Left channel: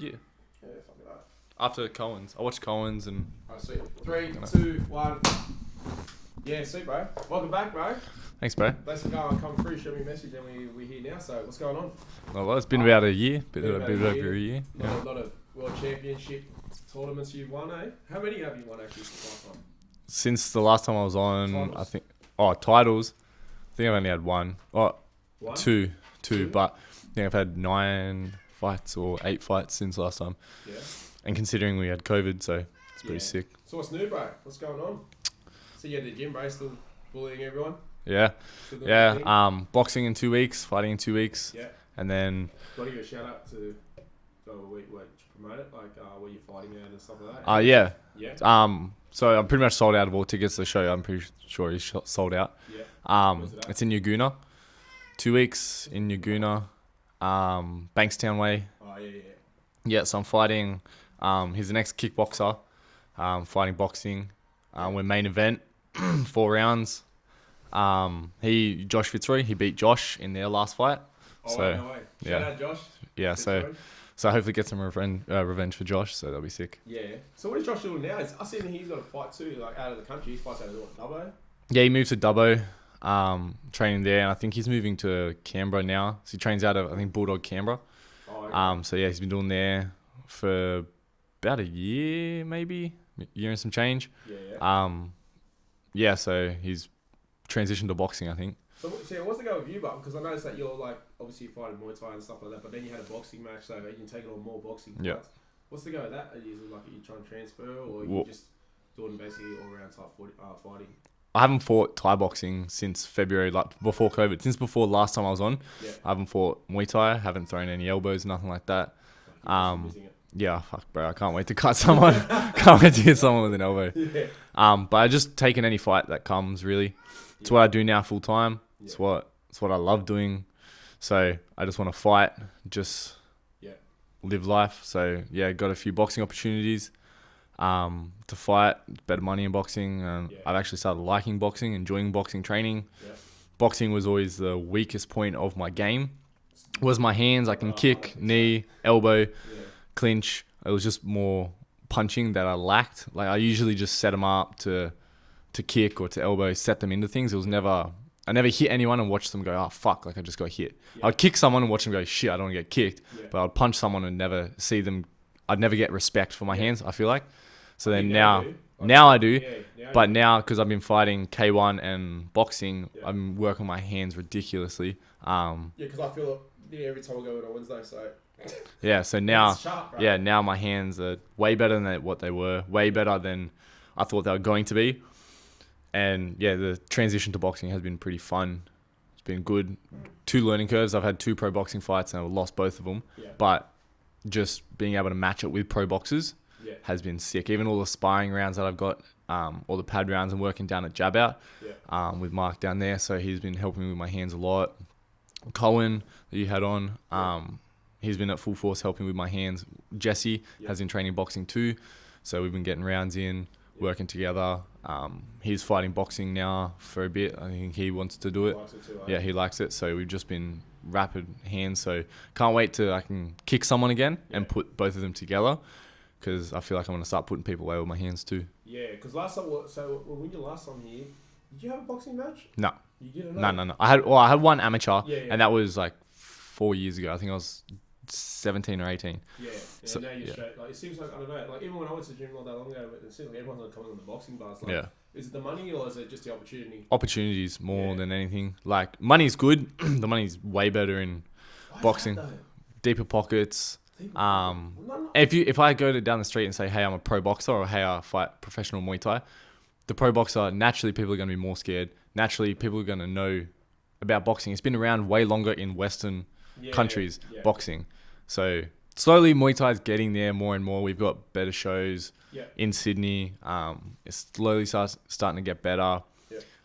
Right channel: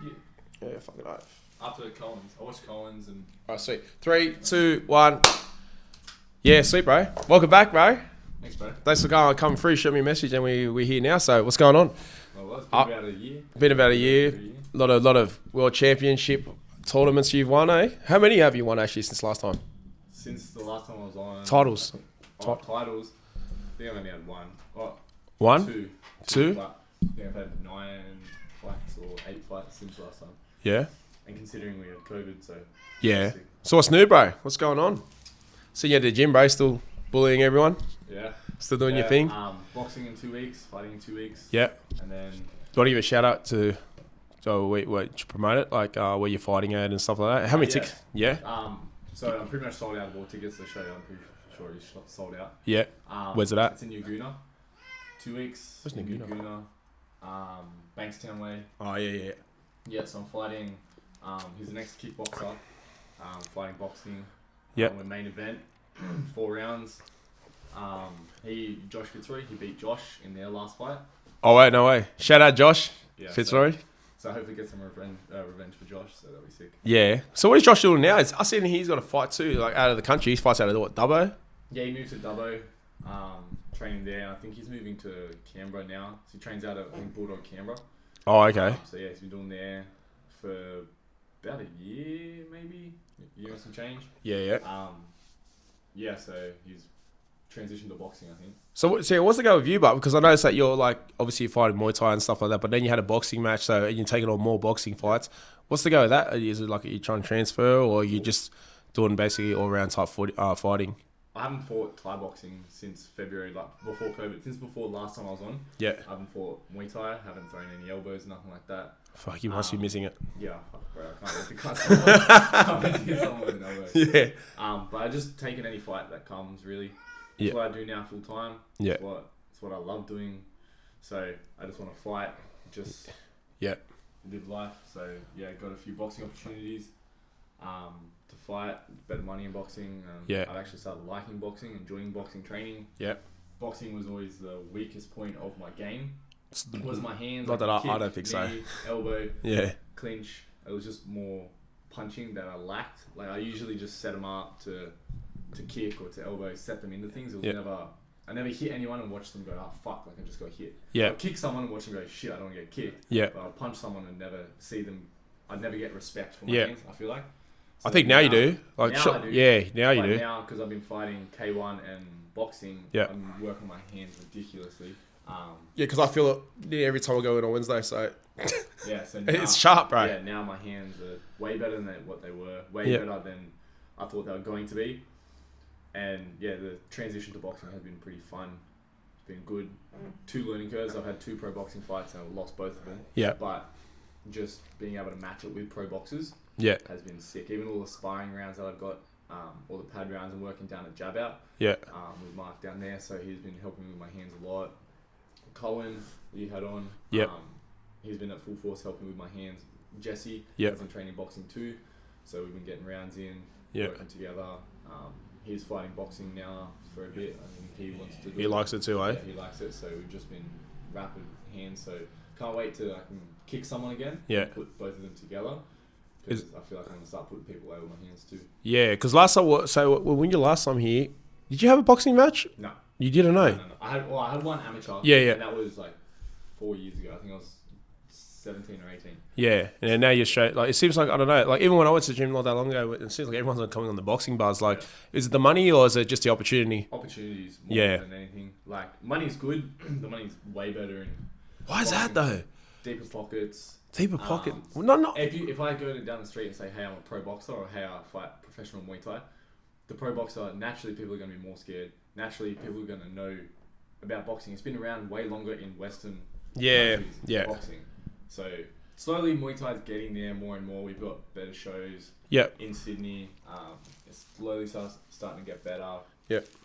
Yeah. Yeah, fucking right. After Cohen's. I watched Cohen's and... Alright, sweet. 3, 2, 1. Yeah, sweet, bro. Welcome back, bro. Thanks, bro. Thanks for coming through, shoot me a message, and we're here now. So, what's going on? Well, it's been about a year. Been about a year. Lot of world championship tournaments you've won, eh? How many have you won actually since last time? Since the last time I was on... Titles. I think, titles. I think I've only had one. Oh, one? Two. Two? But I think I've had 9 fights or 8 fights since last time. Yeah. And considering we had COVID, so... Yeah. Sick. So what's new, bro? What's going on? See you at the gym, bro. Still bullying everyone? Yeah. Still doing your thing? Boxing in 2 weeks, fighting in 2 weeks. Yeah. And then... Do you want to give a shout out to... So to promote it? Like where you're fighting at and stuff like that? How many yeah. Yeah? So I'm pretty much sold out of all tickets to the show. I'm pretty sure he's sold out. Yeah. Where's it at? It's in Yaguna. 2 weeks in Yaguna. Bankstown Way. Oh, yeah. Yeah, so I'm fighting. He's the next kickboxer. Fighting boxing. We're main event. 4 rounds. Josh Fitzroy, he beat Josh in their last fight. Oh, wait, no way. Shout out Josh. Yeah, Fitzroy. So hopefully get some revenge for Josh, so that'll be sick. Yeah. So what is Josh doing now? I seen he's got a fight too, like out of the country. He fights out of what, Dubbo? Yeah, he moved to Dubbo, training there, and I think he's moving to Canberra now. So he trains out of, I think, Bulldog Canberra. Oh, okay. So yeah, he's been doing there for about a year, maybe year and some change. Yeah. Yeah, so he's transitioned to boxing, I think. So what's the go with you, but because I noticed that you're like obviously you're fighting Muay Thai and stuff like that, but then you had a boxing match, so you're taking on more boxing fights. Yep. What's the go with that? Is it like you trying to transfer, or you just doing basically all round type fighting? I haven't fought Thai boxing since February, like before COVID. Since before last time I was on. Yeah. I haven't fought Muay Thai. Haven't thrown any elbows, nothing like that. Fuck, you must be missing it. Yeah, fuck, bro. I can't wait to cut someone. Can't wait to hit someone with an elbow. Yeah. But I just taken any fight that comes. Really, it's what I do now full time. Yeah. It's what I love doing. So I just want to fight, just live life. So yeah, got a few boxing opportunities to fight, better money in boxing. I've actually started liking boxing, enjoying boxing training. Yeah. Boxing was always the weakest point of my game. Was my hands. I can kick, knee, elbow, clinch. It was just more punching that I lacked. Like I usually just set them up to kick or to elbow, set them into things. It was I never hit anyone and watch them go, oh, fuck, like I just got hit. Yeah. I'd kick someone and watch them go, shit, I don't want to get kicked. Yeah. But I'd punch someone and never see them. I'd never get respect for my hands, I feel like. So I think now you do. Like, now I do. Yeah, now you do. But now, because I've been fighting K1 and boxing, I'm working my hands ridiculously. Because I feel it every time I go in on Wednesday, so... Yeah, so now... it's sharp, bro. Yeah, now my hands are way better than what they were. Way better than I thought they were going to be. And yeah, the transition to boxing has been pretty fun. It's been good. 2 learning curves. I've had 2 pro boxing fights and I've lost both of them. Yeah. But just being able to match it with pro boxers has been sick. Even all the sparring rounds that I've got, all the pad rounds I'm working down at Jab Out with Mark down there. So he's been helping me with my hands a lot. Cohen, that you had on, he's been at full force helping with my hands. Jesse has been training boxing too. So we've been getting rounds in, working together. He's fighting boxing now for a bit. I think he wants to do it. He likes it too, eh? Yeah, he likes it. So we've just been rapid hands. So can't wait till I can kick someone again and put both of them together. Because I feel like I'm going to start putting people away with my hands too. Yeah, because last time, when you last time here, did you have a boxing match? No. You didn't know? No. I had one amateur. Yeah. And that was like 4 years ago. I think I was 17 or 18. Yeah. And so, now you're straight. Like, it seems like, I don't know, like even when I went to the gym not that long ago, it seems like everyone's coming on the boxing bars. Like, is it the money or is it just the opportunity? Opportunities more than anything. Like, money's good. The money's way better in Why boxing. Is that though? Deeper pockets. Deeper pocket. No. If I go down the street and say, hey, I'm a pro boxer, or hey, I fight professional Muay Thai, the pro boxer, naturally people are going to be more scared. Naturally people are going to know about boxing. It's been around way longer in Western countries, boxing. So slowly Muay Thai is getting there more and more. We've got better shows in Sydney. It's slowly starting to get better.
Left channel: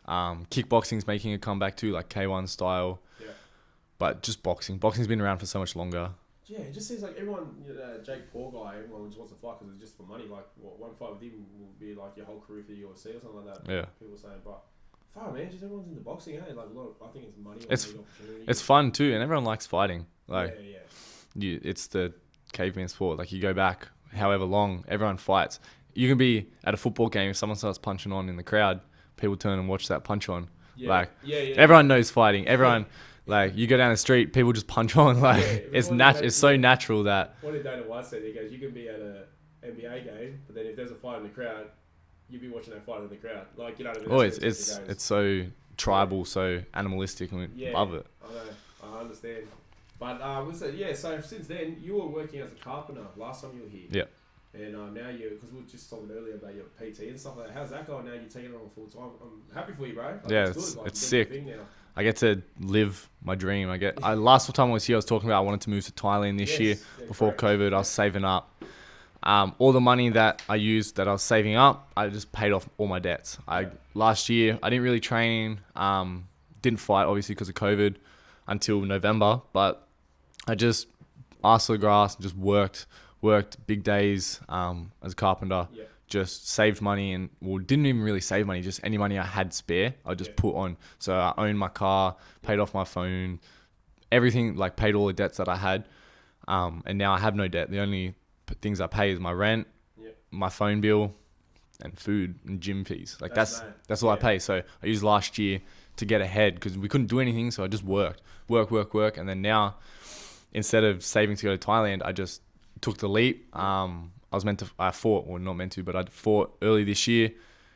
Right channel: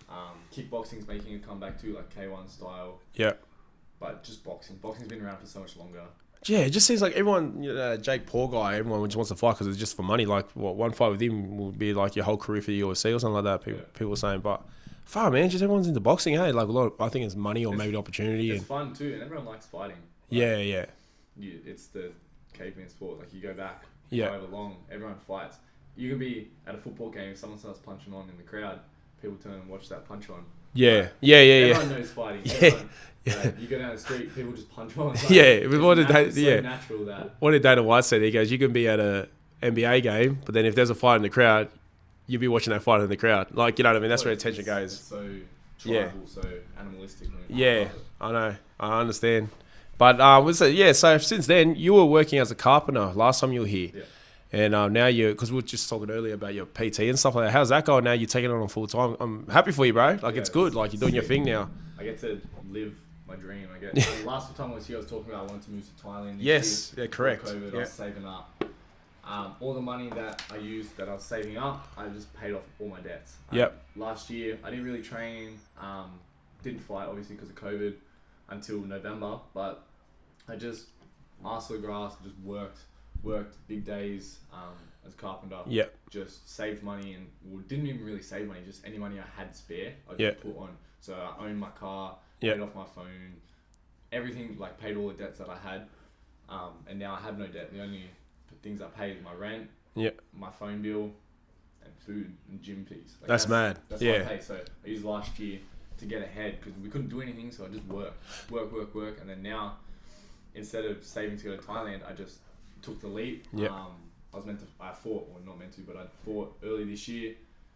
Kickboxing's making a comeback too, like K1 style. But just boxing. Boxing's been around for so much longer. Yeah, it just seems like everyone, Jake Paul guy, everyone just wants to fight because it's just for money. Like, one fight with him will be like your whole career for the UFC or something like that. People are saying, but fuck, man, just everyone's into boxing, hey? Like, I think it's money or maybe the opportunity. It's fun too, and everyone likes fighting. Like, yeah. It's the caveman sport. Like you go back however long, everyone fights. You can be at a football game, if someone starts punching on in the crowd, people turn and watch that punch on. Yeah. Like, Yeah. Everyone knows fighting. Everyone, like, you go down the street, people just punch on. Like, it's so natural that... What did Dana White say? He goes, you can be at a NBA game, but then if there's a fight in the crowd, you'll be watching that fight in the crowd. Like, you know what I mean? That's where attention goes. It's so tribal, so animalistic. And I love it. I know. I understand. But, so since then, you were working as a carpenter last time you were here. Yeah. And now because we were just talking earlier about your PT and stuff like that. How's that going now? You're taking it on full time. I'm happy for you, bro. Like, it's good. Like, you're doing your thing now. I get to live my dream. Last time I was here, I was talking about I wanted to move to Thailand this year. Before COVID. I was saving up. All the money that I used, that I was saving up, I just paid off all my debts. Last year, I didn't really train. Didn't fight, obviously, because of COVID until November. But I just asked for the grass, just worked big days as a carpenter. Yeah. Just saved money didn't even really save money, just any money I had spare, I just put on. So I owned my car, paid off my phone, everything, like paid all the debts that I had. And now I have no debt. The only things I pay is my rent, my phone bill, and food and gym fees. Like that's mad. That's what I pay. So I used last year to get ahead because we couldn't do anything. So I just work. And then now, instead of saving to go to Thailand, I just took the leap. I fought early this year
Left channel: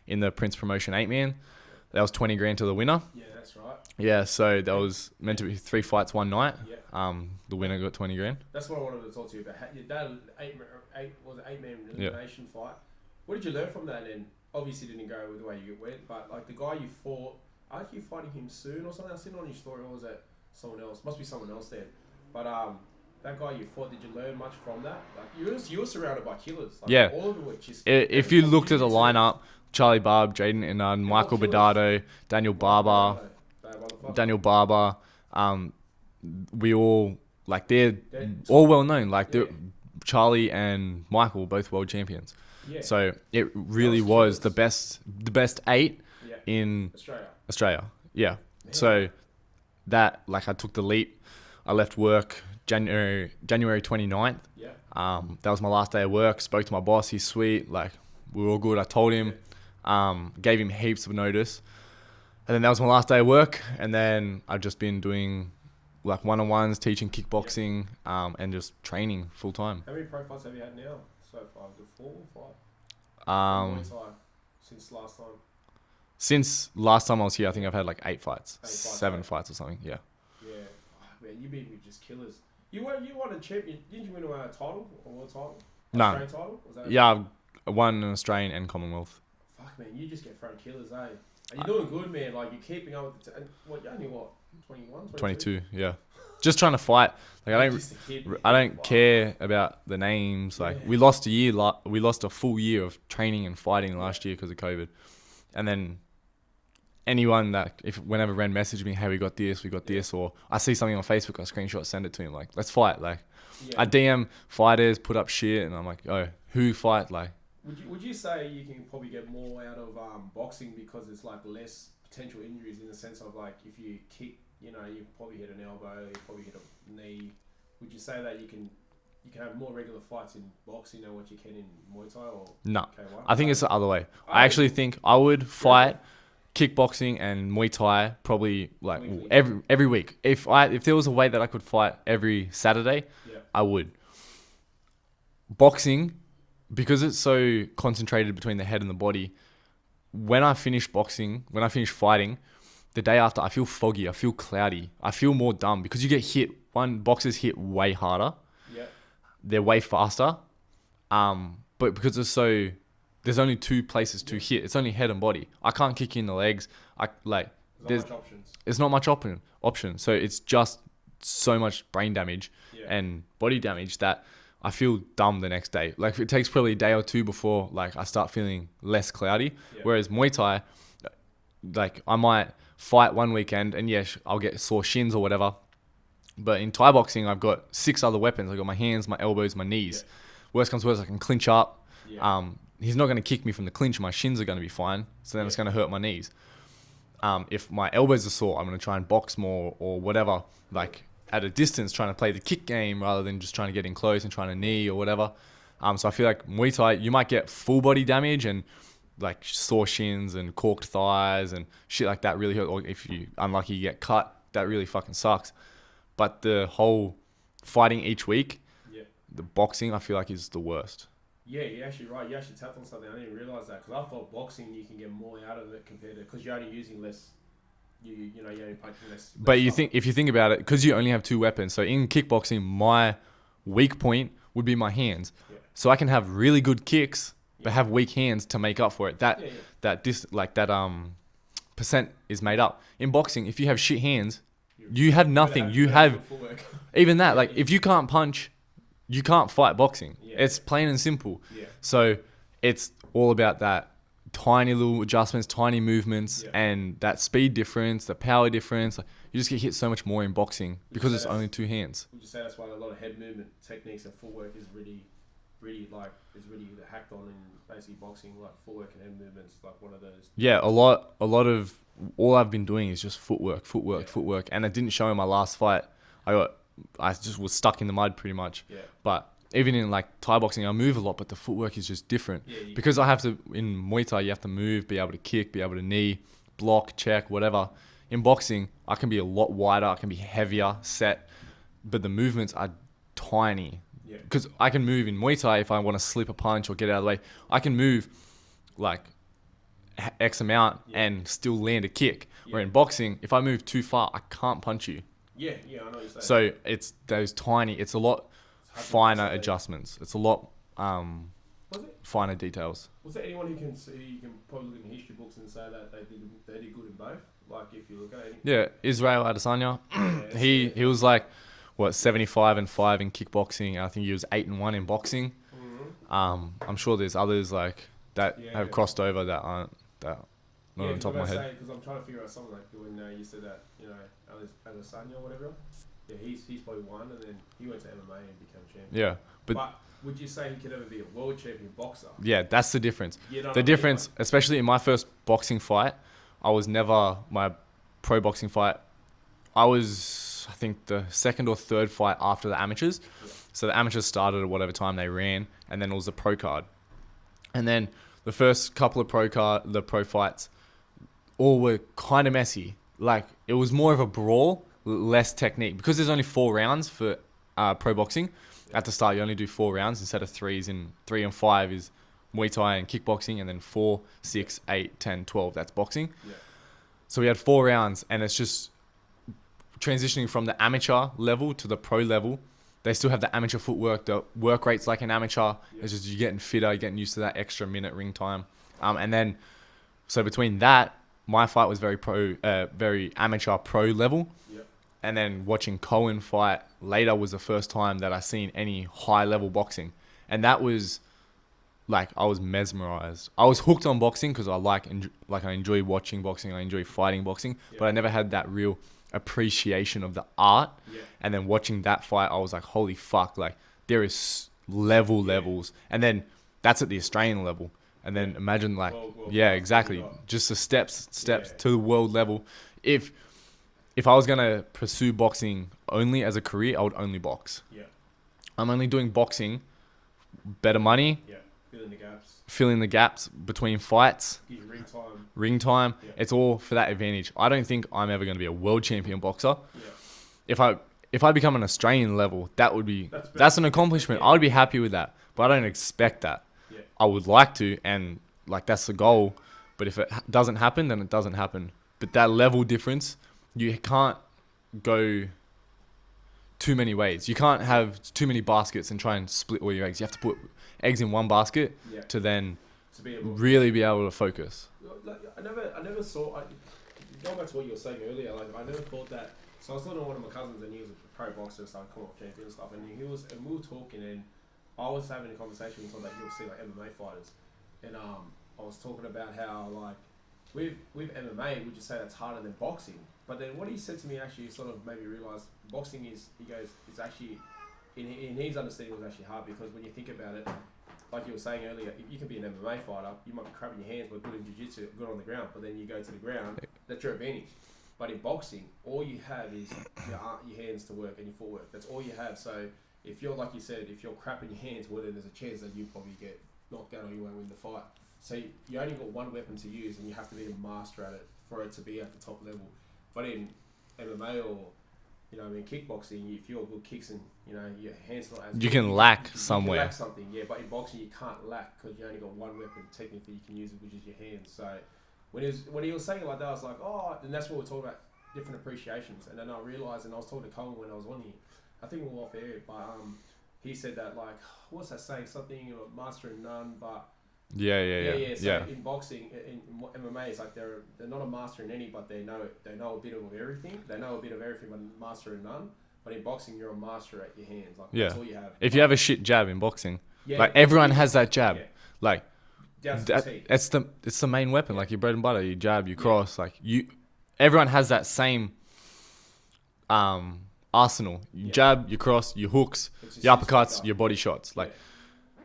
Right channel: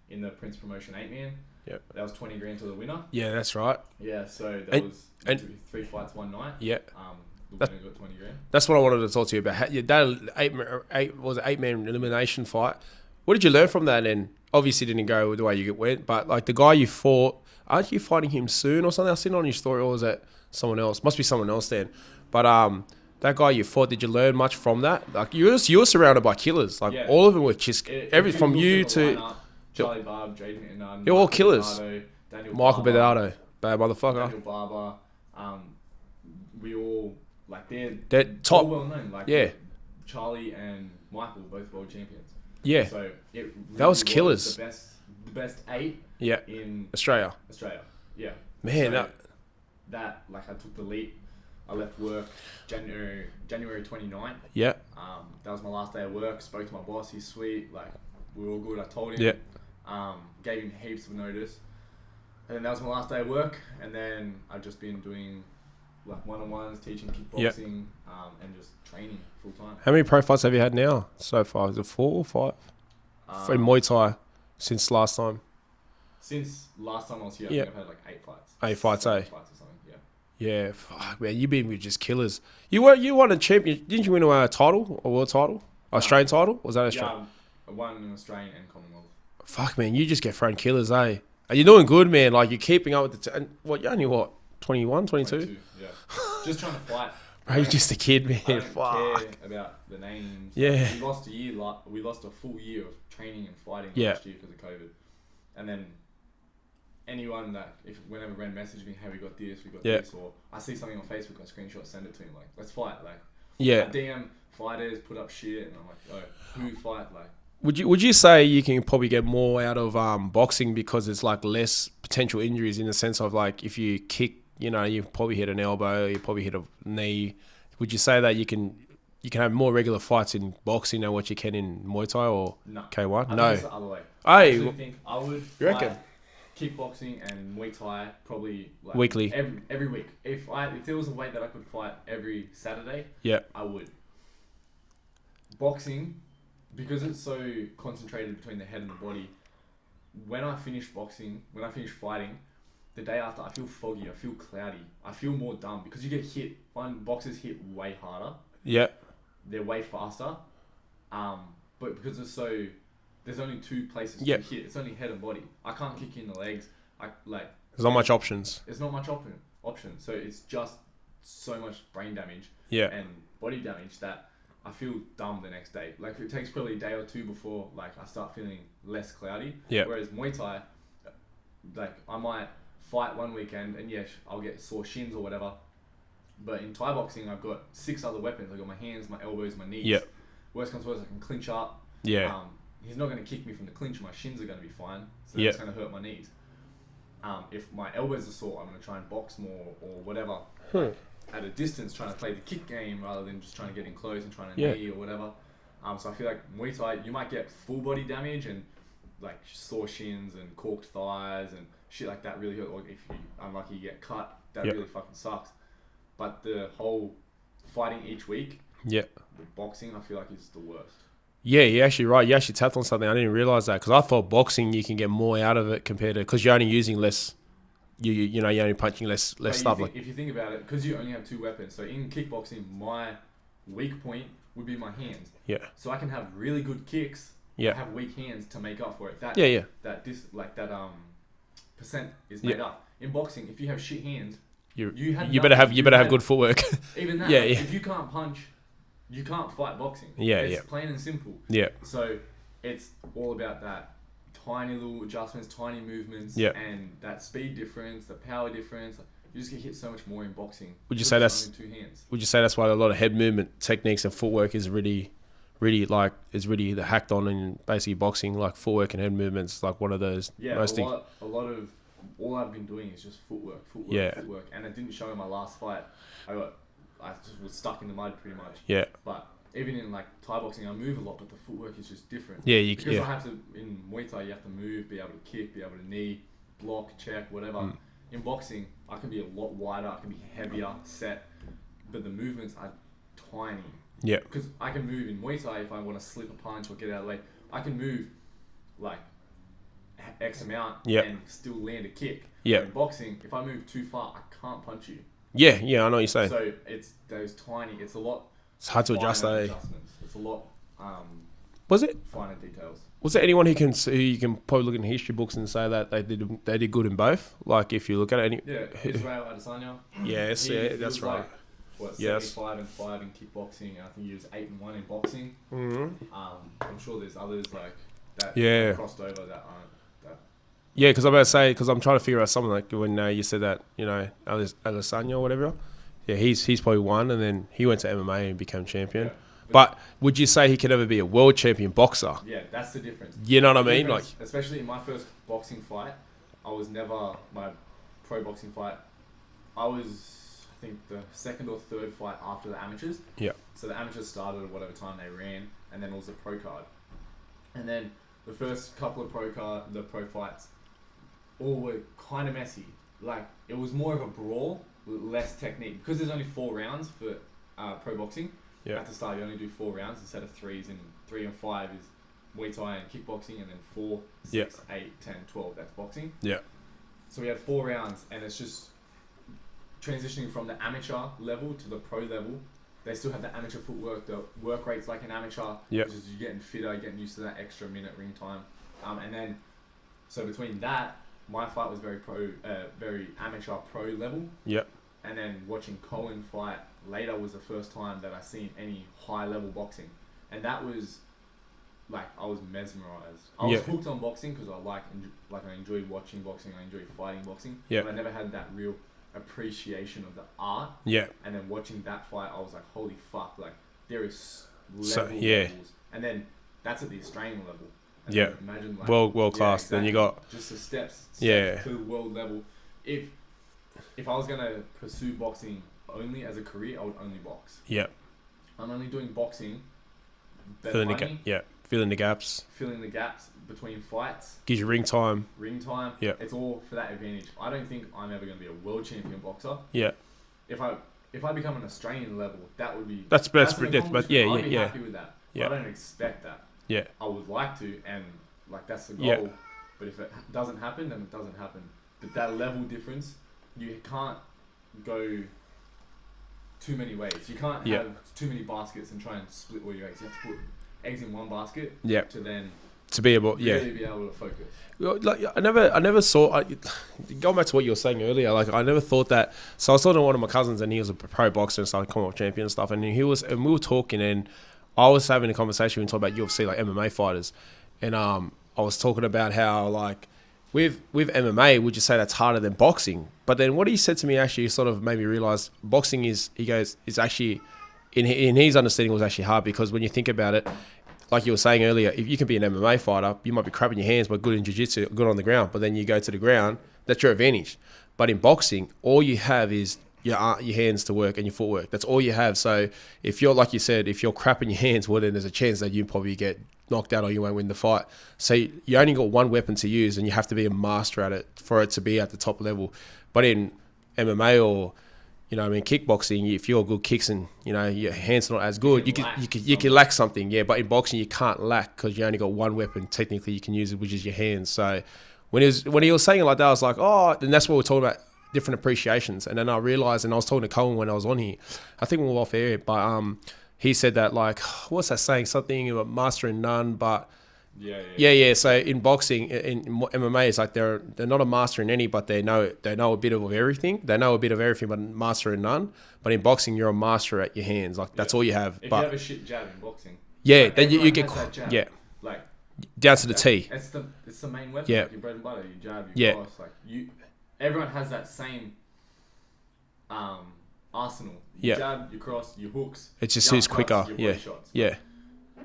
in the Prince Promotion 8-man. Yep. That was 20 grand to the winner. Yeah, that's right. Yeah, so that was meant to be 3 fights one night. Yeah. The winner got 20 grand. That's what I wanted to talk to you about. Your dad, 8-man elimination fight. What did you learn from that? And obviously didn't go the way you went, but like the guy you fought, aren't you fighting him soon or something? I've seen it on your story, or was that someone else? Must be someone else then. But that guy you fought, did you learn much from that? Like you were surrounded by killers. Like all of them were just. If you looked at the lineup, Charlie Barb, Jaden Inard, Michael Bedardo, Daniel Barber, bad motherfucker, Daniel Barber. We all like they're all well known. Like Charlie and Michael were both world champions. Yeah. So it really was the best 8 in Australia. Yeah. Man, so that like I took the leap. I left work January 29th. Yeah. That was my last day of work. Spoke to my boss. He's sweet. Like we were all good. I told him. Gave him heaps of notice. And then that was my last day of work. And then I've just been doing like one-on-ones, teaching kickboxing, and just training full time. How many pro fights have you had now so far? Is it 4 or 5? In Muay Thai since last time? Since last time I was here, I think I've had like 8 fights. 8 fights, 7 fights or something, Yeah, fuck, man, you've been with just killers. You won a champion. Didn't you win a title, a world title, Australian title? Was that Australian? Yeah, I won an Australian and Commonwealth. Fuck, man, you just get thrown killers, eh? You're doing good, man. Like you're keeping up with the. You're only 21, 22? 22, yeah. Just trying to fight. Like, I'm just a kid, man. I don't care about the names. Like, we lost a full year of training and fighting last year because of COVID, and then. Anyone that whenever Ren messaged me, hey, we got this, or I see something on Facebook, I screenshot, send it to him, like, let's fight. Like, I DM fighters, put up shit, and I'm like, oh, who fight? Like, would you say you can probably get more out of boxing because it's like less potential injuries in the sense of like if you kick, you probably hit an elbow, you probably hit a knee. Would you say that you can have more regular fights in boxing than what you can in Muay Thai or K1? I think it's the other way. I actually think I would fight kickboxing and Muay Thai probably like weekly, every week. If there was a way that I could fight every Saturday, I would. Boxing, because it's so concentrated between the head and the body, when I finish fighting, the day after I feel foggy, I feel cloudy, I feel more dumb because you get hit. Boxers hit way harder. Yeah, they're way faster. But because there's only 2 places to hit. It's only head and body. I can't kick you in the legs. There's not much options. It's not much option. So it's just so much brain damage and body damage that I feel dumb the next day. Like it takes probably a day or 2 before like I start feeling less cloudy. Yeah. Whereas Muay Thai, like I might fight one weekend and I'll get sore shins or whatever. But in Thai boxing, I've got 6 other weapons. I've got my hands, my elbows, my knees. Yeah. Worst comes to worst, I can clinch up. Yeah. He's not going to kick me from the clinch. My shins are going to be fine. So then it's going to hurt my knees. If my elbows are sore, I'm going to try and box more or whatever. Like at a distance trying to play the kick game rather than just trying to get in close and trying to knee or whatever. So I feel like Muay Thai, you might get full body damage and like sore shins and corked thighs and shit like that really hurt. Or if you unlucky, you get cut, that really fucking sucks. But the whole fighting each week, the boxing, I feel like is the worst. Yeah, you're actually right. You actually tapped on something. I didn't realize that because I thought boxing you can get more out of it compared to because you're only using less. You're only punching less. But if you think about it, because you only have 2 weapons. So in kickboxing, my weak point would be my hands. Yeah. So I can have really good kicks, but have weak hands to make up for it. That percent is made up. In boxing, if you have shit hands, you better have good footwork. Even that, if you can't punch, you can't fight boxing. It's plain and simple. So it's all about that tiny little adjustments, tiny movements, and that speed difference, the power difference. You just get hit so much more in boxing because it's only 2 hands. Would you say that's why a lot of head movement techniques and footwork is really hacked on in basically boxing, like footwork and head movements, like one of those. Yeah, a lot of all I've been doing is just footwork, and it didn't show in my last fight. I just was stuck in the mud pretty much. Yeah. But even in like Thai boxing, I move a lot, but the footwork is just different. Yeah. Because I have to, in Muay Thai, you have to move, be able to kick, be able to knee, block, check, whatever. In boxing, I can be a lot wider, I can be heavier, set, but the movements are tiny. Yeah. Because I can move in Muay Thai if I want to slip a punch or get out of the way. I can move like X amount and still land a kick. Yeah. Where in boxing, if I move too far, I can't punch you. Yeah, I know what you're saying. So it's those tiny, it's a lot finer adjustments. It's a lot finer details. Was there anyone who you can probably look in history books and say that they did good in both? Like if you look at it, Israel Adesanya. He was like 75 and 5 in kickboxing. I think he was 8 and 1 in boxing. Mm-hmm. I'm sure there's others like that have crossed over that aren't that. Yeah, because I'm about to say, because I'm trying to figure out something like when you said that, Adesanya or whatever. Yeah, he's probably won, and then he went to MMA and became champion. Yeah, but would you say he could ever be a world champion boxer? Yeah, that's the difference. You know what I mean? Like, especially in my first boxing fight, I was never my pro boxing fight. I was, I think, the 2nd or 3rd fight after the amateurs. Yeah. So the amateurs started at whatever time they ran, and then it was the pro card, and then the first couple of pro fights. All were kind of messy. Like, it was more of a brawl, less technique. Because there's only 4 rounds for pro boxing. At the start, you only do 4 rounds instead of 3s. And 3 and 5 is Muay Thai and kickboxing. And then 4, 6, 8, 10, 12, that's boxing. Yeah. So we had 4 rounds. And it's just transitioning from the amateur level to the pro level. They still have the amateur footwork. The work rate's like an amateur. Yeah. It's just you're getting fitter, you're getting used to that extra minute ring time. And then, so between that, my fight was very amateur pro level. Yep. And then watching Cohen fight later was the first time that I seen any high level boxing. And that was like, I was mesmerized. I was hooked on boxing because I enjoy watching boxing. I enjoy fighting boxing. But I never had that real appreciation of the art. Yeah. And then watching that fight, I was like, holy fuck, like there is levels. And then that's at the Australian level. And then imagine like world class. Yeah, exactly. You got just the steps to the world level. If I was gonna pursue boxing only as a career, I would only box. Yeah. I'm only doing boxing, better money. Filling the gaps between fights. Gives you ring time. Yeah. It's all for that advantage. I don't think I'm ever gonna be a world champion boxer. Yeah. If I become an Australian level, that would be that's an accomplishment. I'd be happy with that. But I don't expect that. Yeah, I would like to, and like that's the goal. Yeah. But if it doesn't happen, then it doesn't happen. But that level difference, you can't go too many ways. You can't have too many baskets and try and split all your eggs. You have to put eggs in one basket to be able to focus. Like I never saw. Going back to what you were saying earlier, like I never thought that. So I was talking to one of my cousins, and he was a pro boxer and stuff, Commonwealth champion and stuff, and we were talking and. I was having a conversation when we talked about UFC, like MMA fighters. And I was talking about how, like, with MMA, would you say that's harder than boxing? But then what he said to me actually sort of made me realize boxing is actually, in his understanding, was actually hard because when you think about it, like you were saying earlier, if you can be an MMA fighter, you might be crapping your hands, but good in jiu-jitsu, good on the ground. But then you go to the ground, that's your advantage. But in boxing, all you have is your hands to work and your footwork. That's all you have. So if you're, like you said, if you're crap in your hands, well, then there's a chance that you probably get knocked out or you won't win the fight. So you only got one weapon to use, and you have to be a master at it for it to be at the top level. But in MMA or kickboxing, if you're good kicks and your hands not as good, you can lack something. Yeah, but in boxing you can't lack because you only got one weapon technically you can use it, which is your hands. So when he was saying it like that, I was like, oh, and that's what we're talking about, different appreciations. And then I realized, and I was talking to Colin when I was on here, I think we were off air, but he said that, like, what's that saying? Something about master in none, but yeah. So in boxing, in MMA, it's like they're not a master in any, but they know a bit of everything. They know a bit of everything, but master in none. But in boxing, you're a master at your hands. Like that's all you have. If you have a shit jab in boxing, like, everyone has that jab. Yeah, like down to the T. It's the main weapon. Yeah. Like your bread and butter. You jab, you cross. Like everyone has that same arsenal. You jab, you cross, your hooks, it's just your uppercuts, your body shots. Like, yeah.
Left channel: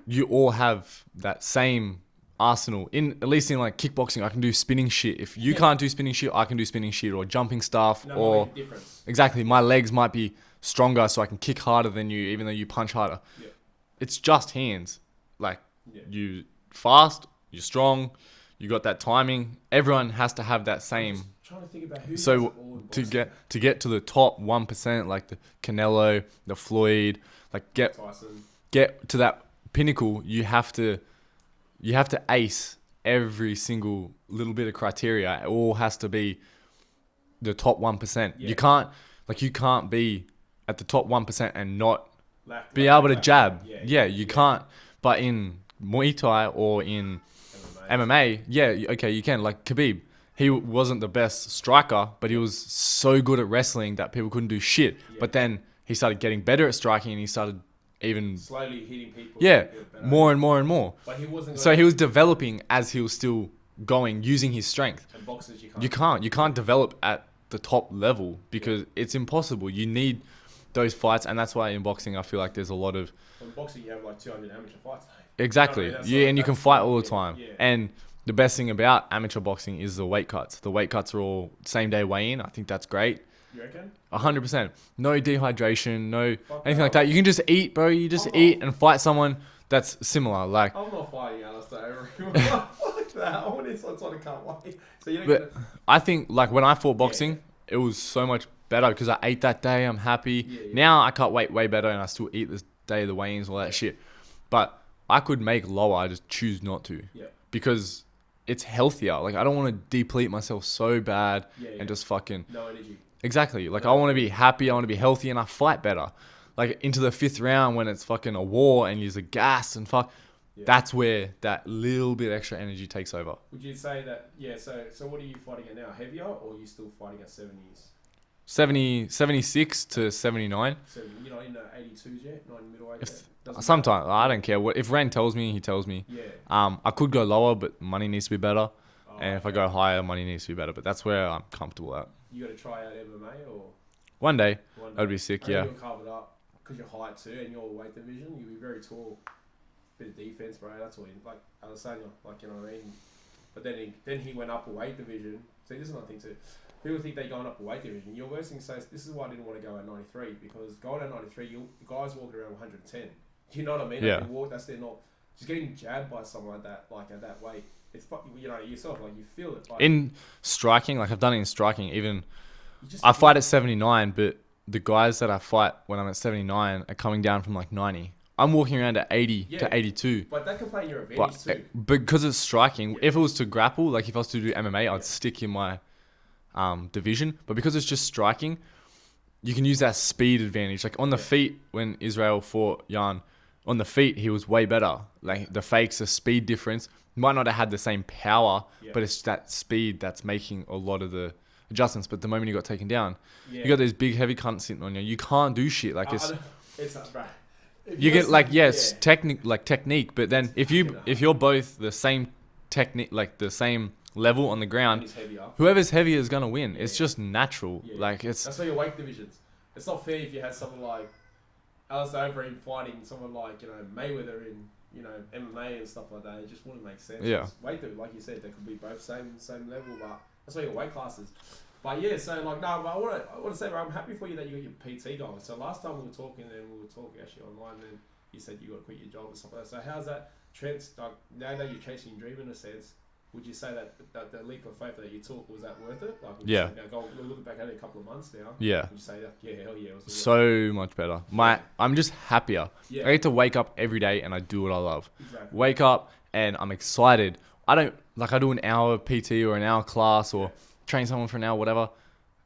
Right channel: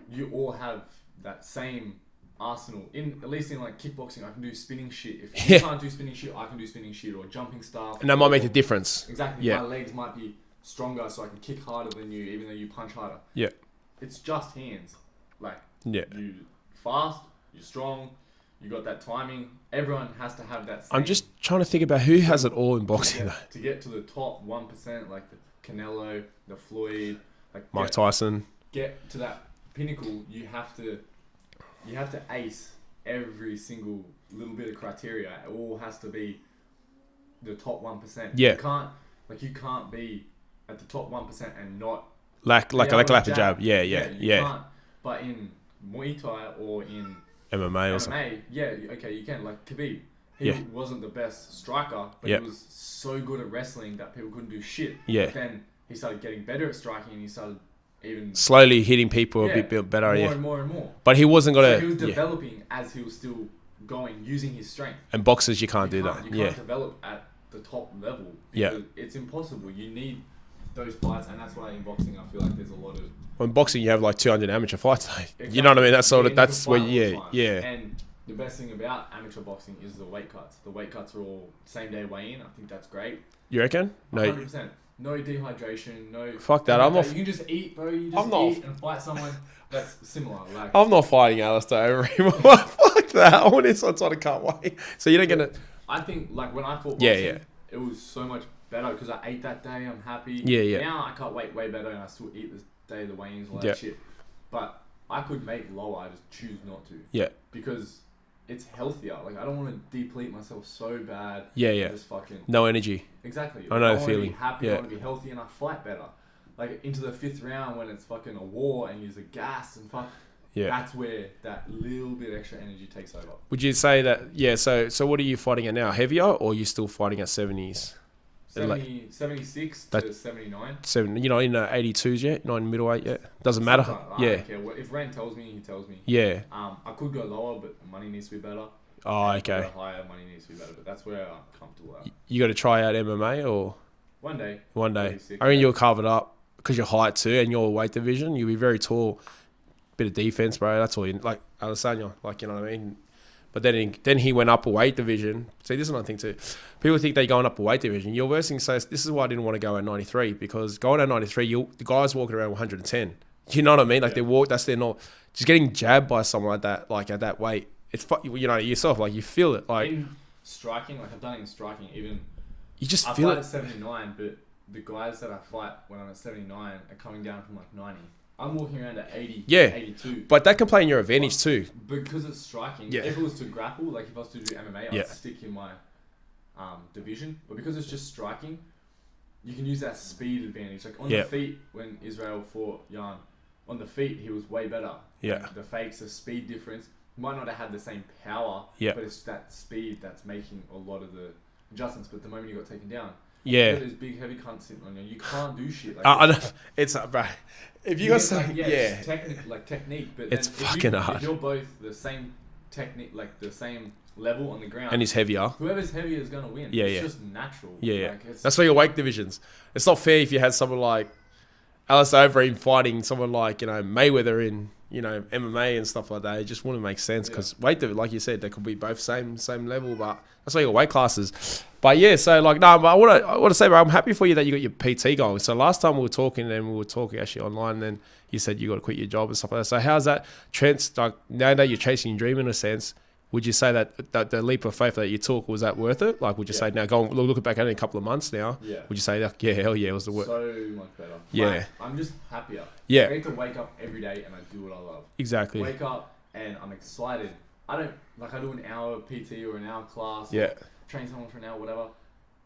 You all have that same arsenal. At least in like kickboxing, I can do spinning shit. If you can't do spinning shit, I can do spinning shit or jumping stuff. And that might make a difference. Exactly. My legs might be stronger, so I can kick harder than you, even though you punch harder. Yeah. It's just hands. Like, you fast, you're strong, you got that timing. Everyone has to have that same. I'm just trying to think about who has it all in boxing. To get to the top 1%, like the Canelo, the Floyd, like Mike Tyson. Get to that pinnacle, you have to ace every single little bit of criteria. It all has to be the top 1%. Yeah. You can't be at the top 1% and not lack a jab. Yeah. You can't. But in Muay Thai or in MMA, you can. Like Khabib, he wasn't the best striker, but he was so good at wrestling that people couldn't do shit. Yeah. But then he started getting better at striking, and he started even slowly hitting people a bit better, more and more. But he wasn't going to. So he was developing as he was still going, using his strength. And boxers, you can't develop at the top level because it's impossible. You need those fights, and that's why in boxing I feel like there's a lot of. Well, in boxing, you have like 200 amateur fights. Exactly. You know what I mean? That's and you can fight all the time. Yeah. And the best thing about amateur boxing is the weight cuts. The weight cuts are all same day weigh in. I think that's great. You reckon? 100%. No dehydration. No. Fuck that. You can just eat, bro. You just eat and fight someone that's similar. Like I'm not fighting Alistair over him. Fuck that. I want his outside. I can't wait. So you don't get it. I think like when I fought boxing, it was so much better because I ate that day. I'm happy. Yeah. Now I can't wait way better, and I still eat this day of the weigh-ins, all that shit. But I could make lower. I just choose not to. Yeah. Because it's healthier. Like I don't want to deplete myself so bad. Yeah. Just fucking no energy. Exactly. Like I want to be happy. I want to be healthy, and I fight better. Like into the 5th round when it's fucking a war and you're gassed and fuck. Yeah. That's where that little bit extra energy takes over. Would you say that? Yeah. So what are you fighting at now? Heavier, or are you still fighting at 70s? 76 to 79. You're not in 82s yet? Not in middleweight yet? Doesn't matter. Sometimes. I don't care. If Ren tells me, he tells me. Yeah. I could go lower, but money needs to be better. Oh, and if I go higher, money needs to be better. But that's where I'm comfortable at. You got to try out MMA or? One day. That'd be sick. I mean, you'll carve it up because your height too and your weight division. You'll be very tall. Bit of defense, bro. That's all. Like Adesanya, like, you know what I mean? But then he went up a weight division. See, this is another thing too. People think they're going up a weight division. Your worst thing says, this is why I didn't want to go at 93, because going at 93, the guys walking around 110. You know what I mean? Like they walk, that's their not. Just getting jabbed by someone like that, like at that weight, it's yourself, like you feel it. Like in striking, like I've done it in striking. Even I fight at 79, but the guys that I fight when I'm at 79 are coming down from like 90. I'm walking around at 80 to 82. But that can play in your advantage too. Because it's striking. If it was to grapple, like if I was to do MMA, I'd stick in my division. But because it's just striking, you can use that speed advantage. Like on the feet, when Israel fought Jan, on the feet, he was way better. Like the fakes, the speed difference. Might not have had the same power, but it's that speed that's making a lot of the adjustments. But the moment you got taken down, you got these big heavy cunts sitting on you. You can't do shit. Like it's bro. If you get like it's technique, but then if you're both the same technique, like the same level on the ground, and he's heavier, whoever's heavier is gonna win. It's just natural. Like that's why your weight divisions. It's not fair if you had someone like Alistair Overeem fighting someone like Mayweather in MMA and stuff like that. It just wouldn't make sense because weight, like you said, they could be both same level, but that's why your weight classes. But yeah, so like, no, but I want to say, bro, I'm happy for you that you got your PT going. So last time we were talking actually online, and then you said you got to quit your job and stuff like that. So how's that like now that you're chasing your dream in a sense? Would you say that the leap of faith that you took, was that worth it? Like, would you say now, looking back at it in a couple of months now, Yeah. would you say that, yeah, hell yeah, it was the worth? So much better. Yeah. I'm just happier. Yeah. I get to wake up every day and I do what I love. Exactly. Wake up and I'm excited. I do an hour PT or an hour class or train someone for an hour, whatever.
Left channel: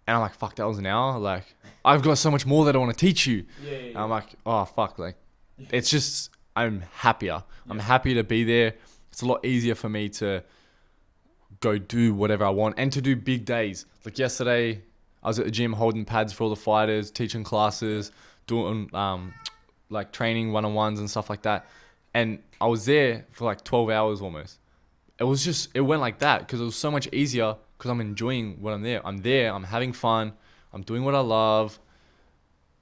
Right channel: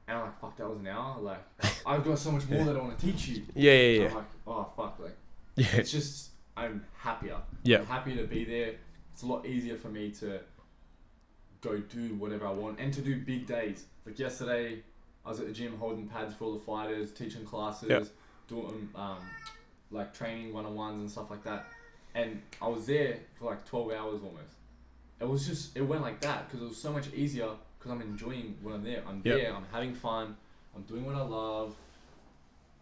And I'm like, fuck, that was an hour. Like, I've got so much more that I want to teach you. Yeah. I'm like, oh, fuck. Like, it's just, I'm happier. Yeah. I'm happy to be there. It's a lot easier for me to go do whatever I want and to do big days. Like yesterday, I was at the gym holding pads for all the fighters, teaching classes, doing like training one-on-ones and stuff like that. And I was there for like 12 hours almost. It went like that because it was so much easier because I'm enjoying what I'm there. I'm there, I'm having fun, I'm doing what I love.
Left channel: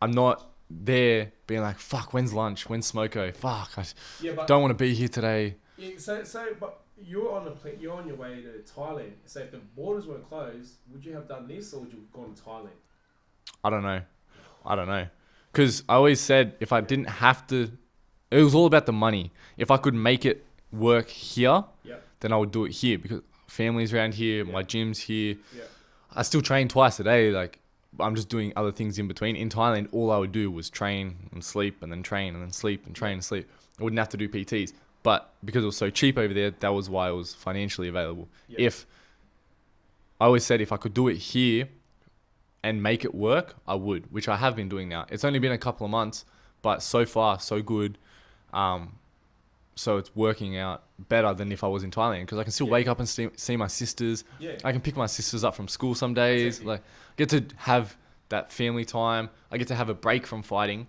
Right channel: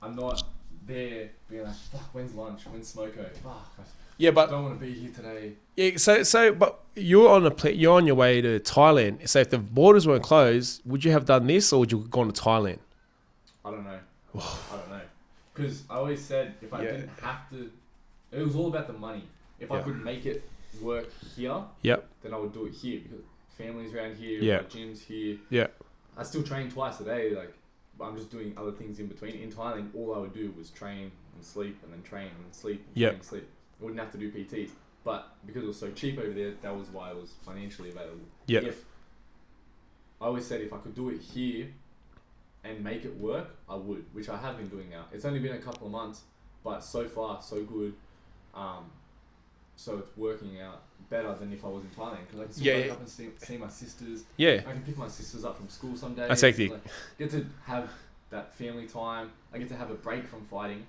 I'm not there being like, fuck, when's lunch? When's smoko? Fuck, I don't want to be here today. Yeah, but you're on your way to Thailand. So if the borders weren't closed, would you have done this or would you have gone to Thailand? I don't know. Because I always said if I didn't have to, it was all about the money. If I could make it work here, then I would do it here because family's around here, my gym's here. Yeah. I still train twice a day. Like, I'm just doing other things in between. In Thailand, all I would do was train and sleep and then train and then sleep and train and sleep. I wouldn't have to do PTs. But because it was so cheap over there, that was why it was financially available. Yep. If I always said if I could do it here and make it work, I would, which I have been doing now. It's only been a couple of months, but so far, so good. So it's working out better than if I was in Thailand because I can still wake up and see my sisters. Yeah. I can pick my sisters up from school some days. That's like, get to have that family time. I get to have a break from fighting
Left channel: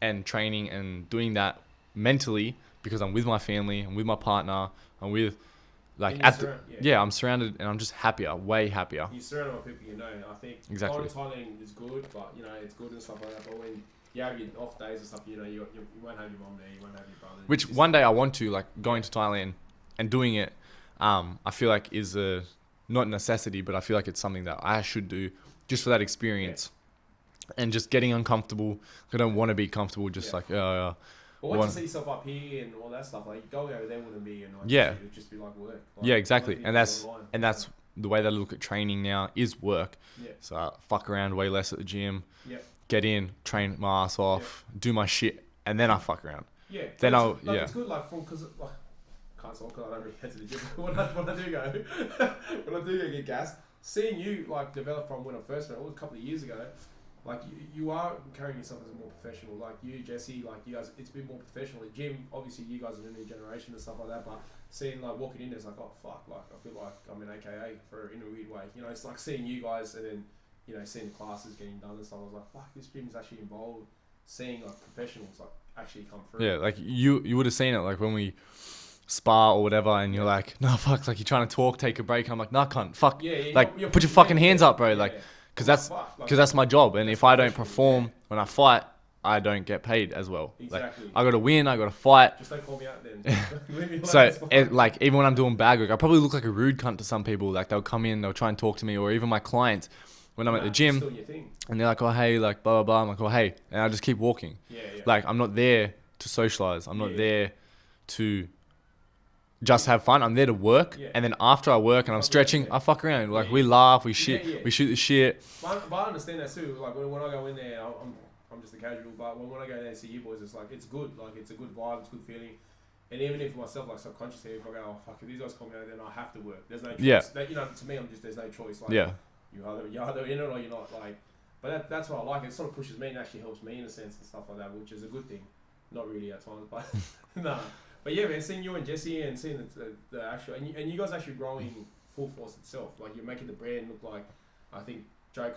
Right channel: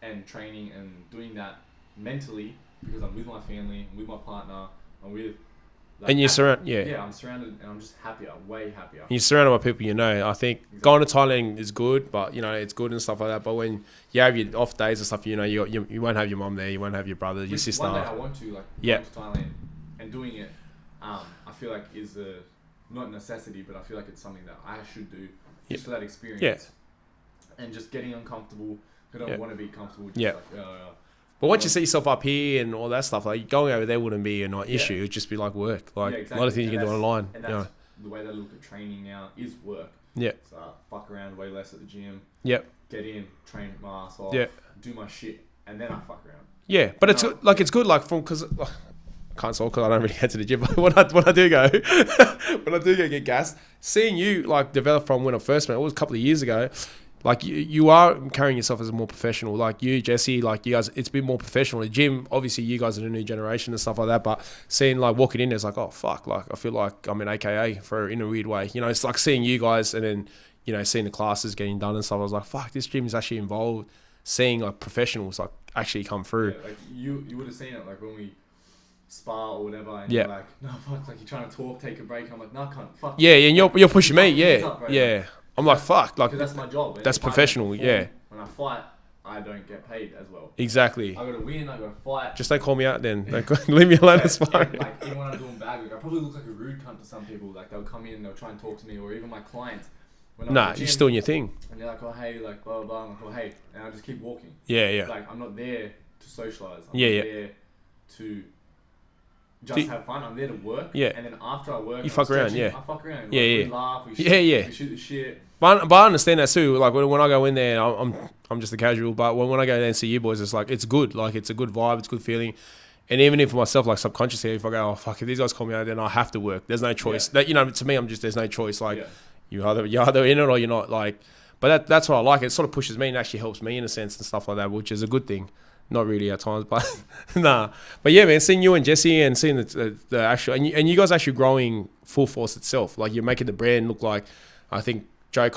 and training and doing that mentally because I'm with my family, I'm with my partner, I'm with... Like, and you're I'm surrounded and I'm just happier, way happier. You're surrounded by people you know. I think going to Thailand is good, but you know, it's good and stuff like that. But when you have your off days and stuff, you know, you won't have your mom there, you won't have your brother. Which your one day I want to, like going to Thailand and doing it, I feel like is a, not a necessity, but I feel like it's something that I should do just for that experience. Yeah. And just getting uncomfortable. I don't want to be comfortable, just like, but once you see yourself up here and all that stuff, like going over there wouldn't be an issue. It'd just be like work. Like, exactly. And that's the way that I look at training now is work. Yeah. So I fuck around way less at the gym. Yep. Get in, train my ass off, do my shit, and then I fuck around. Yeah, but it's it's good because I can't solve because I don't really head to the gym. But when I do go, get gassed, seeing you like develop from when I first met, it was a couple of years ago. Like you are carrying yourself as a more professional, like you, Jesse, like you guys, it's been more professional. The gym, obviously you guys are the new generation and stuff like that, but seeing like walking in, it's like, oh fuck, like I feel like I'm an AKA in a weird way. You know, it's like seeing you guys and then, you know, seeing the classes getting done and stuff. I was like, fuck, this gym is actually involved. Seeing like professionals like actually come through. Yeah, like you would have seen it like when we spar or whatever, and you're like, no fuck, like you're trying to talk, take a break. I'm like, no, cunt, fuck. Yeah, and like, you're pushing me. Hands up, bro. Yeah. Like, I'm like, fuck. Because that's my job. And that's if professional. I don't perform, when I fight, I don't get paid as well. Exactly. Like, I got to win. I got to fight. Just don't call me out then. Leave me alone. So, like, even when I'm doing bag work, I probably look like a rude cunt to some people. Like, they'll come in, they'll try and talk to me, or even my clients when I'm at the gym. You're still doing your thing. And they're like, oh, hey, like, blah, blah, blah. I'm like, oh, hey. And I just keep walking. Yeah. Like, I'm not there to socialize. I'm not there to just have fun. I'm there to work. Yeah. And then after I work and I'm stretching, I fuck around. Like, we laugh, we shit, we shoot the shit. But I understand that too. Like when I go in there, I'm just a casual. But when I go there and see you boys, it's like, it's good. Like it's a good vibe. It's a good feeling. And even if myself, like subconsciously, if I go, oh fuck, if these guys call me out, then I have to work. There's no choice. That, you know, to me, there's no choice. Like you're either in it or you're not. Like, but that's what I like. It sort of pushes me and actually helps me in a sense and stuff like that, which is a good thing. Not really at times, but nah. But yeah, man, seeing you and Jesse and seeing the actual and you guys actually growing full force itself. Like you're making the brand look like, I think Joe,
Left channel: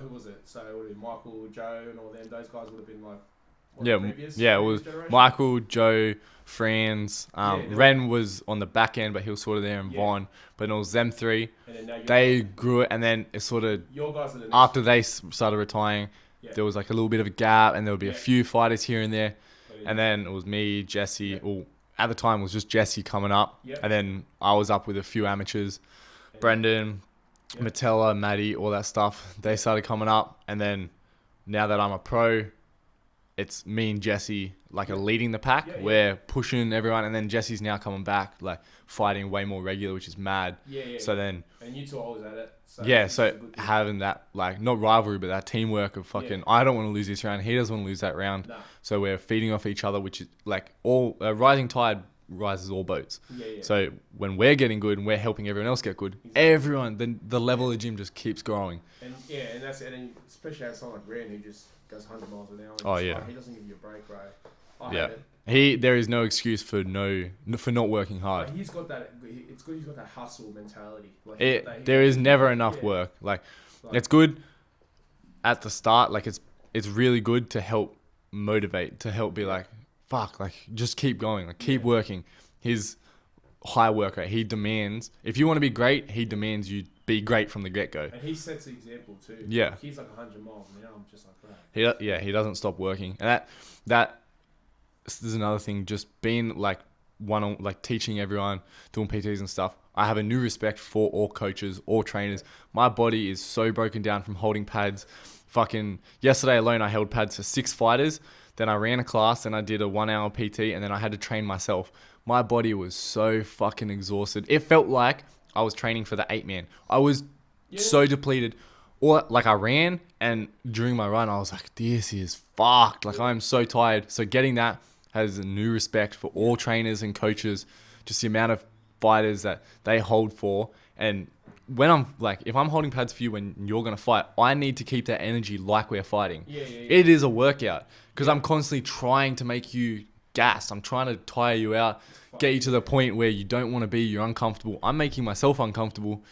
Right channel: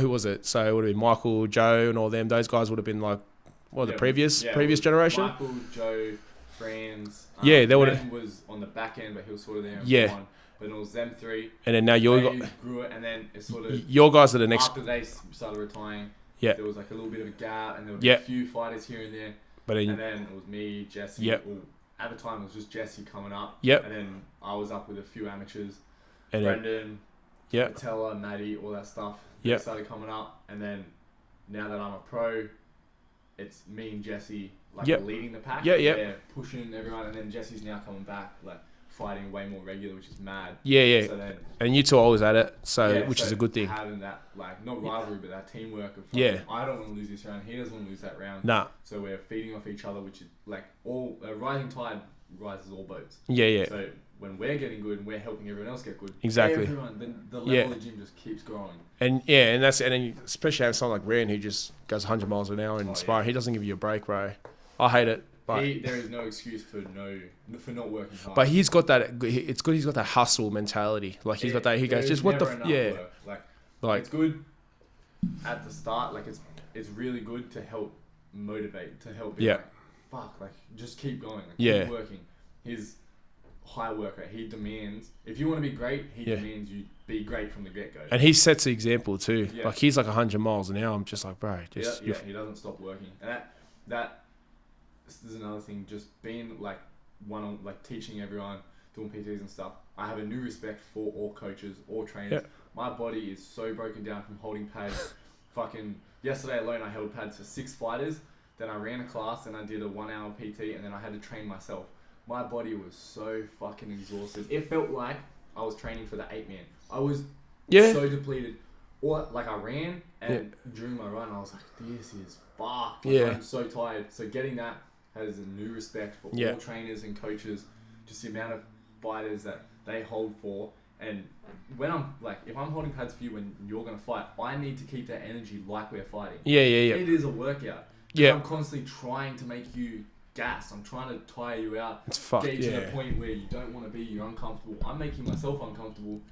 who was it? So it would have been Michael, Joe, and all them. Those guys would have been like, the previous generation. Michael, Joe, Franz. Ren was on the back end, but he was sort of there and born. But it was them three. And then now they grew it, and then it sort of your guys are the next after they started retiring. Yeah. There was like a little bit of a gap and there would be a few fighters here and there. And then it was me, Jesse. Well, at the time, it was just Jesse coming up. Yep. And then I was up with a few amateurs. And Brendan, Yeah. Matella, Maddie, all that stuff. They started coming up, and then now that I'm a pro, it's me and Jesse are leading the pack. We're pushing everyone, and then Jesse's now coming back, like fighting way more regular, which is mad. Yeah. So then, and you two are always at it, which is a good thing. Having that, like, not rivalry, but that teamwork of fucking, I don't want to lose this round, he doesn't want to lose that round. Nah. So we're feeding off each other, which is like all rising tide rises all boats. Yeah. So when we're getting good and we're helping everyone else get good, everyone, the level of the gym just keeps growing. And then especially having someone like Ryan who just goes 100 miles an hour in sparring, he doesn't give you a break, bro. I hate it. There is no excuse for not working hard. But he's got that. It's good. He's got that hustle mentality. Like he's got that. There is never enough work. Like it's good at the start. Like it's really good to help motivate, to help be like, fuck, like just keep going, like keep working. His high work rate. He demands, if you want to be great, he demands you be great from the get go. And he sets the example too. Yeah, like he's like 100 miles an hour. I'm just like, bro. He doesn't stop working, and that. This is another thing, just being like teaching everyone, doing PTs and stuff. I have a new respect for all coaches, all trainers. My body is so broken down from holding pads. Fucking yesterday alone, I held pads for 6 fighters. Then I ran a class and I did a 1 hour PT, and then I had to train myself. My body was so fucking exhausted. It felt like I was training for the 8-man. I was so depleted. Or like I ran, and during my run, I was like, this is fucked. Like I'm so tired. So getting that has a new respect for all trainers and coaches, just the amount of fighters that they hold for. And when I'm like, if I'm holding pads for you when you're going to fight, I need to keep that energy like we're fighting. Yeah. It is a workout because I'm constantly trying to make you gassed. I'm trying to tire you out, get you to the point where you don't want to be, you're uncomfortable. I'm making myself uncomfortable,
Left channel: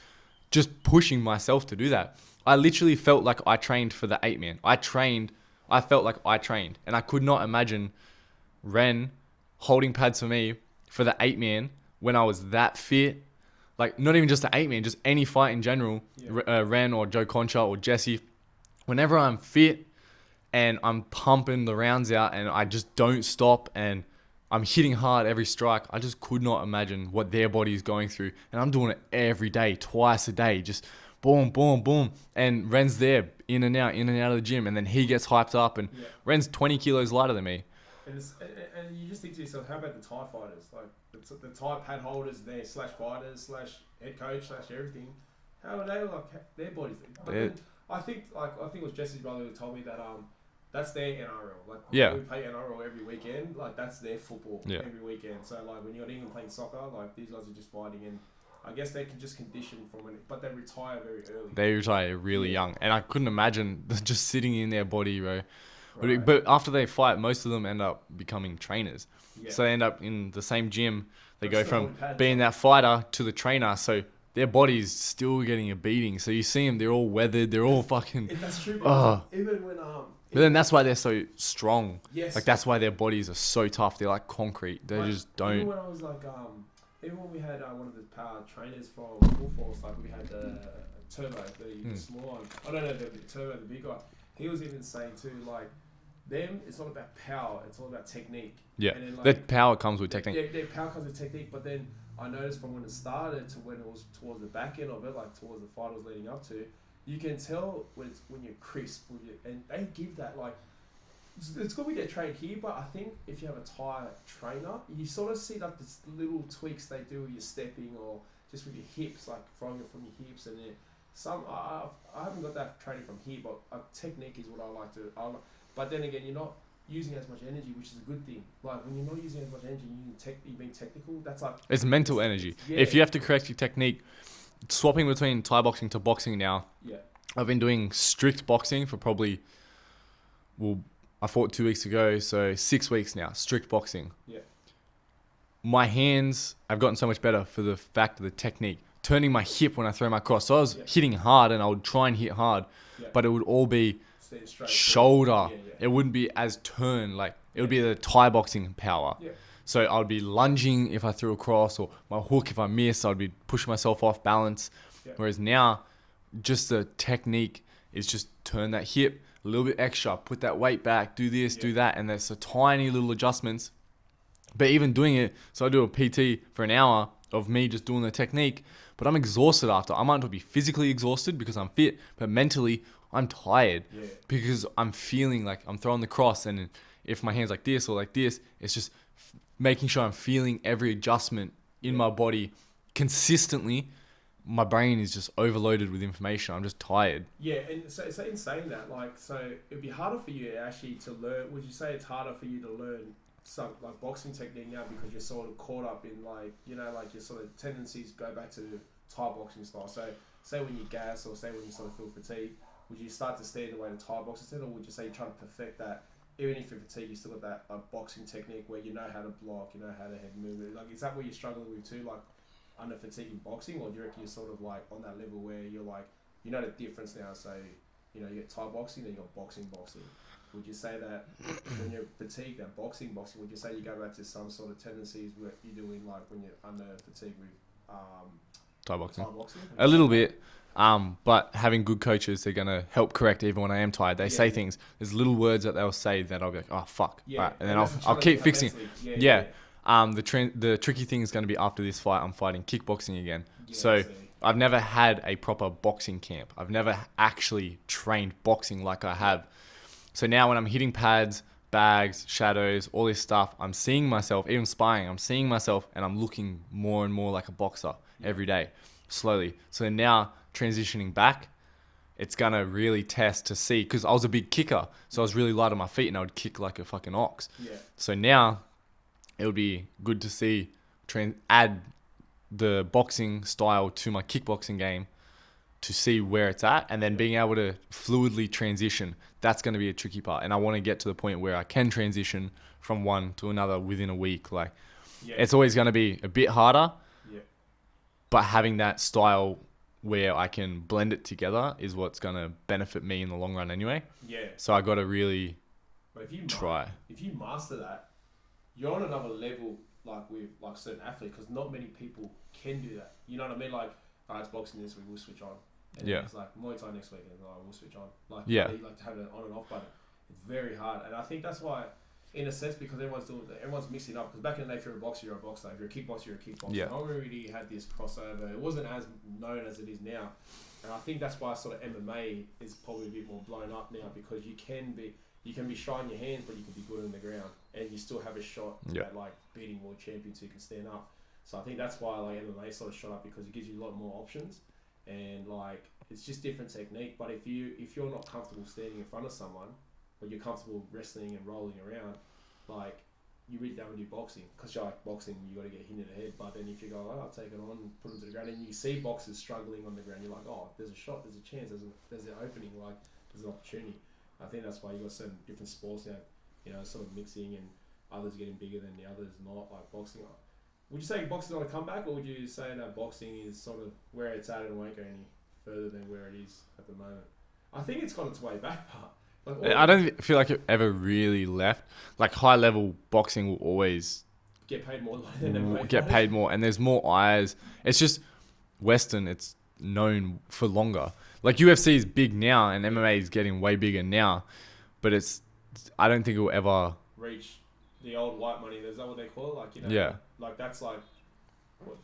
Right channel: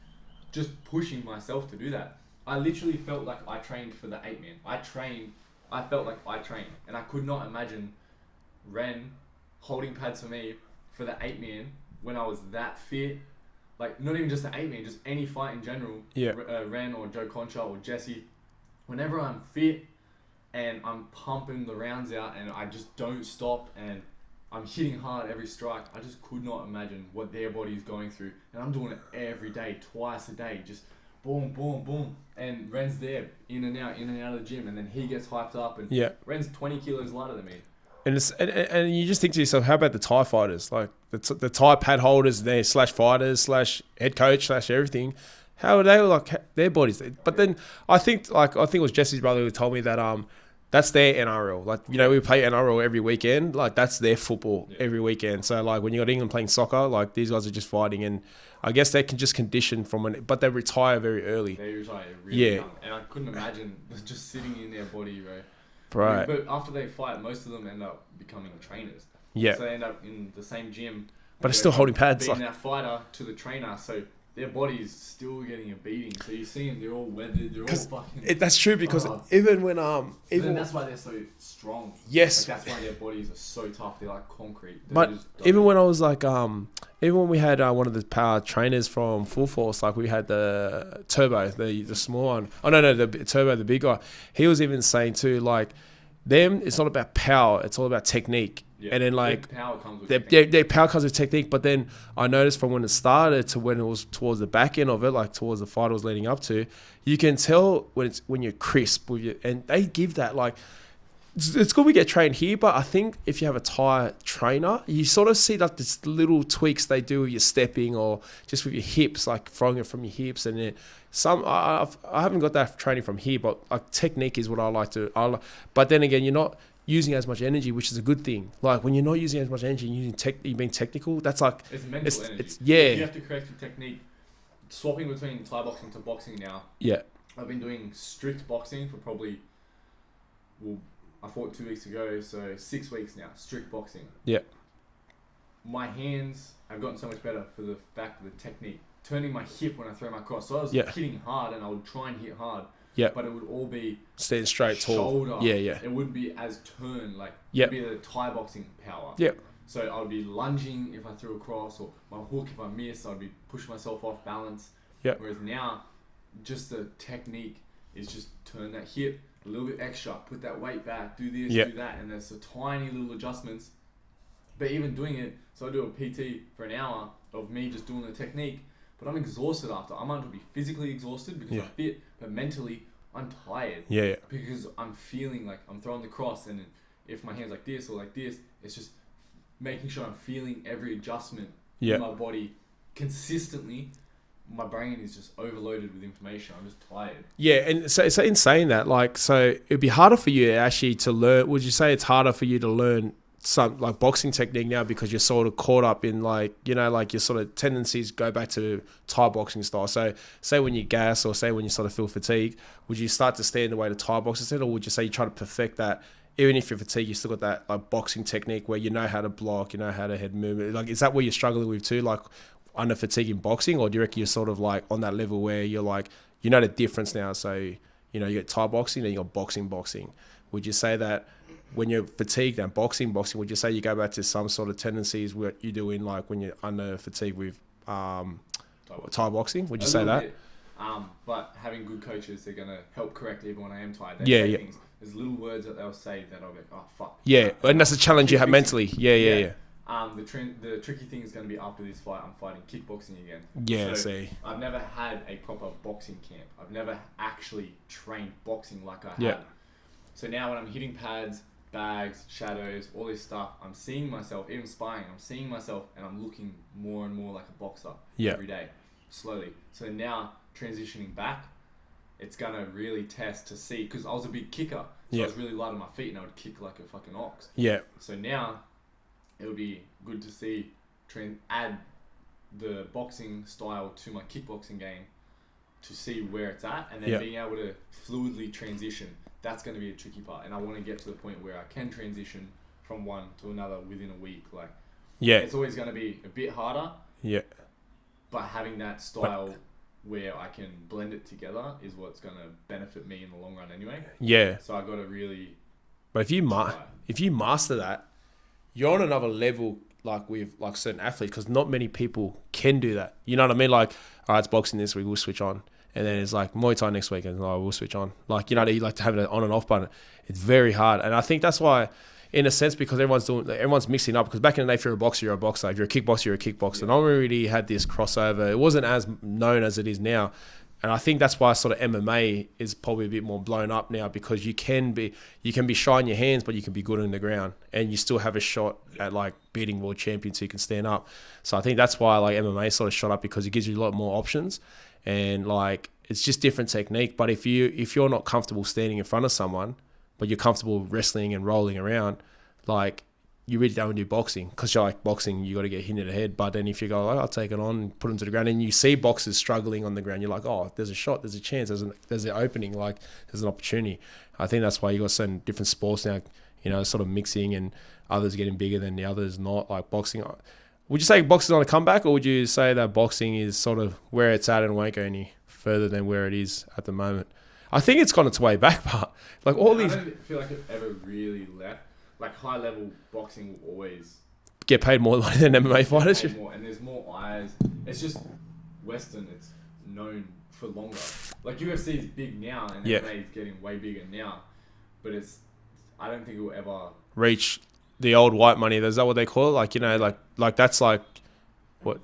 just pushing myself to do that. I literally felt like I trained for the 8-man. I felt like I trained, and I could not imagine Ren holding pads for me for the 8-man when I was that fit. Like, not even just the 8-man, just any fight in general. Ren or Joe Concha or Jesse. Whenever I'm fit and I'm pumping the rounds out and I just don't stop and I'm hitting hard every strike, I just could not imagine what their body is going through. And I'm doing it every day, twice a day, just boom, boom, boom. And Ren's there, in and out of the gym. And then he gets hyped up. And Ren's 20 kilos lighter than me. And you just think to yourself, how about the Thai fighters? Like the Thai pad holders, there /fighters /head coach /everything. How are they like their bodies? But then I think it was Jesse's brother who told me that that's their NRL. Like you know, we play NRL every weekend. Like that's their football every weekend. So like when you got England playing soccer, like these guys are just fighting, and I guess they can just condition but they retire very early. They retire really young, and I couldn't imagine just sitting in their body, bro. Right. But after they fight, most of them end up becoming trainers. Yeah. So they end up in the same gym. But it's still holding pads. Being that fighter to the trainer, so their body's still getting a beating. So you see them, they're all weathered, they're all fucking... That's true, because even when... But then that's why they're so strong. Yes. Like that's why their bodies are so tough. They're like concrete. They just don't... Even when I was like... even when we had one of the power trainers from Full Force, like we had the Turbo, the small one. Oh, no, the Turbo, the big guy. He was even saying too, like... Them, it's not about power, it's all about technique. Yeah. And then like their power comes with technique. Their power comes with technique, but then I noticed from when it started to when it was towards the back end of it, like towards the fight I was leading up to, you can tell when you're crisp with your, and they give that like it's good we get trained here, but I think if you have a Thai trainer, you sort of see like this little tweaks they do with your stepping or just with your hips, like throwing it from your hips, and it, I haven't got that training from here, but like technique is what I like to. But then again, you're not using as much energy, which is a good thing. Like when you're not using as much energy, you're being technical. That's like it's mental energy. Yeah, if you have to correct your technique, swapping between Thai boxing to boxing now. Yeah, I've been doing strict boxing for probably, I fought 2 weeks ago, so 6 weeks now. Strict boxing. Yeah. My hands have gotten so much better for the fact of the technique. Turning my hip when I throw my cross. So I was hitting hard, and I would try and hit hard. Yeah. But it would all be staying straight, shoulder. Tall. Yeah. It wouldn't be as turn. Like it would be the Thai boxing power. Yeah. So I would be lunging if I threw a cross, or my hook if I missed. I'd be pushing myself off balance. Yeah. Whereas now, just the technique is just turn that hip a little bit extra, put that weight back, do this, do that, and there's a tiny little adjustments. But even doing it, so I do a PT for an hour of me just doing the technique, but I'm exhausted after. I might not be physically exhausted because I'm fit, but mentally I'm tired. Yeah. Because I'm feeling like I'm throwing the cross, and if my hand's like this or like this, it's just making sure I'm feeling every adjustment in my body consistently. My brain is just overloaded with information. I'm just tired. Yeah, and so in saying that, like, so it'd be harder for you actually to learn. Would you say it's harder for you to learn some like boxing technique now because you're sort of caught up in like, you know, like your sort of tendencies go back to Thai boxing style? So say when you gas or say when you sort of feel fatigued, would you start to stay in the way to Thai boxing instead, or would you say you try to perfect that? Even if you're fatigued, you still got that like boxing technique where you know how to block, you know how to head movement. Like, is that what you're struggling with too? Like, under fatigue in boxing, or do you reckon you're sort of like on that level where you're like, you know the difference now? So, you know, you got Thai boxing, then you got boxing. Would you say that when you're fatigued and boxing, would you say you go back to some sort of tendencies what you do in like when you're under fatigue with Thai boxing? Would you say a little that? bit. But having good coaches, they're gonna help correct even when I am tired. They say things. There's little words that they'll say that I'll be like, oh fuck. Yeah, and that's a challenge you have mentally. Yeah. The tricky thing is going to be after this fight, I'm fighting kickboxing again. Yeah, so I've never had a proper boxing camp. I've never actually trained boxing like I have. So now when I'm hitting pads, bags, shadows, all this stuff, I'm seeing myself, even sparring, I'm seeing myself and I'm looking more and more like a boxer every day, slowly. So now transitioning back, it's going to really test to see, because I was a big kicker. So I was really light on my feet and I would kick like a fucking ox. Yeah. So now it would be good to see add the boxing style to my kickboxing game to see where it's at, and then being able to fluidly transition. That's going to be a tricky part, and I want to get to the point where I can transition from one to another within a week. Like, it's always going to be a bit harder. Yeah. But having that style where I can blend it together is what's going to benefit me in the long run anyway. Yeah. So I got to really. But if you master that, you're on another level, like with like certain athletes, because not many people can do that. You know what I mean? Like, all right, it's boxing this week, we'll switch on, and then it's like Muay Thai next week, and we'll switch on. Like, you know, you like to have an on and off button. It's very hard, and I think that's why, in a sense, because everyone's mixing up. Because back in the day, if you're a boxer, you're a boxer. If you're a kickboxer, you're a kickboxer. Yeah. No one really had this crossover. It wasn't as known as it is now. And I think that's why sort of MMA is probably a bit more blown up now, because you can be shy in your hands, but you can be good on the ground, and you still have a shot at like beating world champions who can stand up. So I think that's why like MMA sort of shot up, because it gives you a lot more options, and like it's just different technique. But if you're not comfortable standing in front of someone, but you're comfortable wrestling and rolling around, like, you really don't do boxing, because you're like, boxing, you got to get hit in the head. But then if you go, I'll take it on and put them to the ground, and you see boxers struggling on the ground, you're like, oh, there's a shot, there's a chance, there's an opening, like there's an opportunity. I think that's why you got certain different sports now, you know, sort of mixing, and others getting bigger than the others not. Like boxing, would you say boxing's on a comeback, or would you say that boxing is sort of where it's at and won't go any further than where it is at the moment? I think it's gone its way back, but like I don't feel like it ever really left. Like, high level boxing will always get paid more money than MMA fighters. Get paid more, and there's more eyes. It's just Western. It's known for longer. Like, UFC is big now, and MMA is getting way bigger now. But I don't think it will ever reach the old white money. Is that what they call it? Like, you know, like that's like what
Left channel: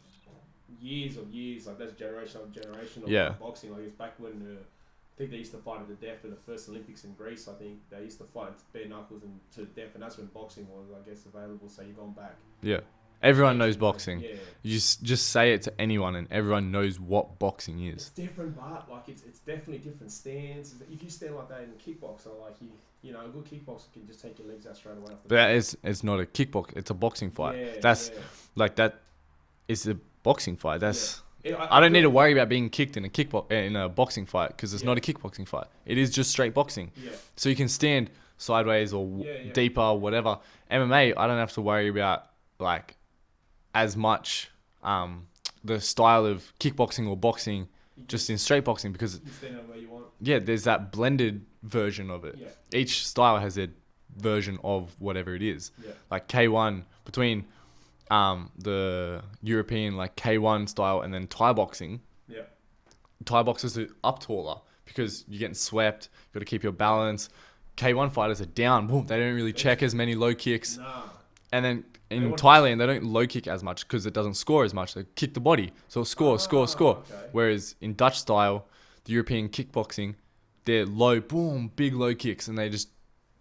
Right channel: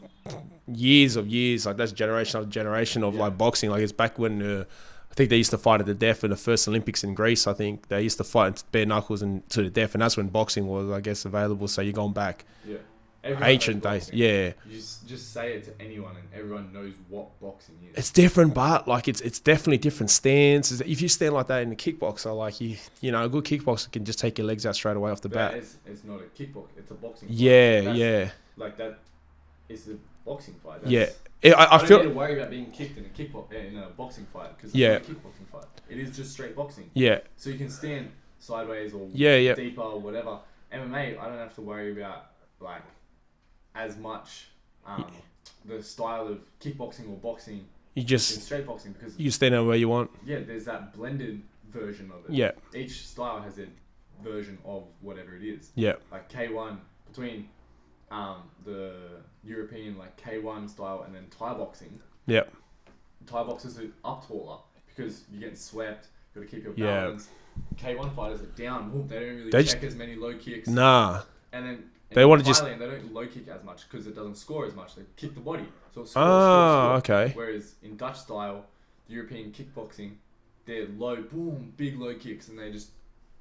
years of years. Like, that's generation of like boxing. Like, it's back when. I think they used to fight at the death in the first Olympics in Greece. I think they used to fight bare knuckles and to the death, and that's when boxing was, I guess, available. So you're going back. Yeah, everyone knows boxing. Yeah, you just say it to anyone, and everyone knows what boxing is. It's different, but like it's definitely different stances. If you stand like that in a kickboxer, like you know, a good kickboxer can just take your legs out straight away off the bat. It's not a kickbox; it's a boxing fight. Like, that is a boxing fight. That's I don't need to worry about being kicked in a boxing fight, because it's not a kickboxing fight. It is just straight boxing. Yeah. So you can stand sideways or deeper or whatever. MMA, I don't have to worry about like as much the style of kickboxing or boxing. You just in straight boxing, because you stand out where you want. Yeah, there's that blended version of it. Yeah. Each style has a version of whatever it is. Yeah. Like K1 between the European like K1 style and then Thai boxing. Yeah. Thai boxers are up taller because you're getting swept. You got to keep your balance. K1 fighters are down. Boom, they don't really check as many low kicks. Nah. And then in Thailand, they don't low kick as much because it doesn't score as much. They kick the body. So score. Okay. Whereas in Dutch style, the European kickboxing, they're low, boom, big low kicks, and they're just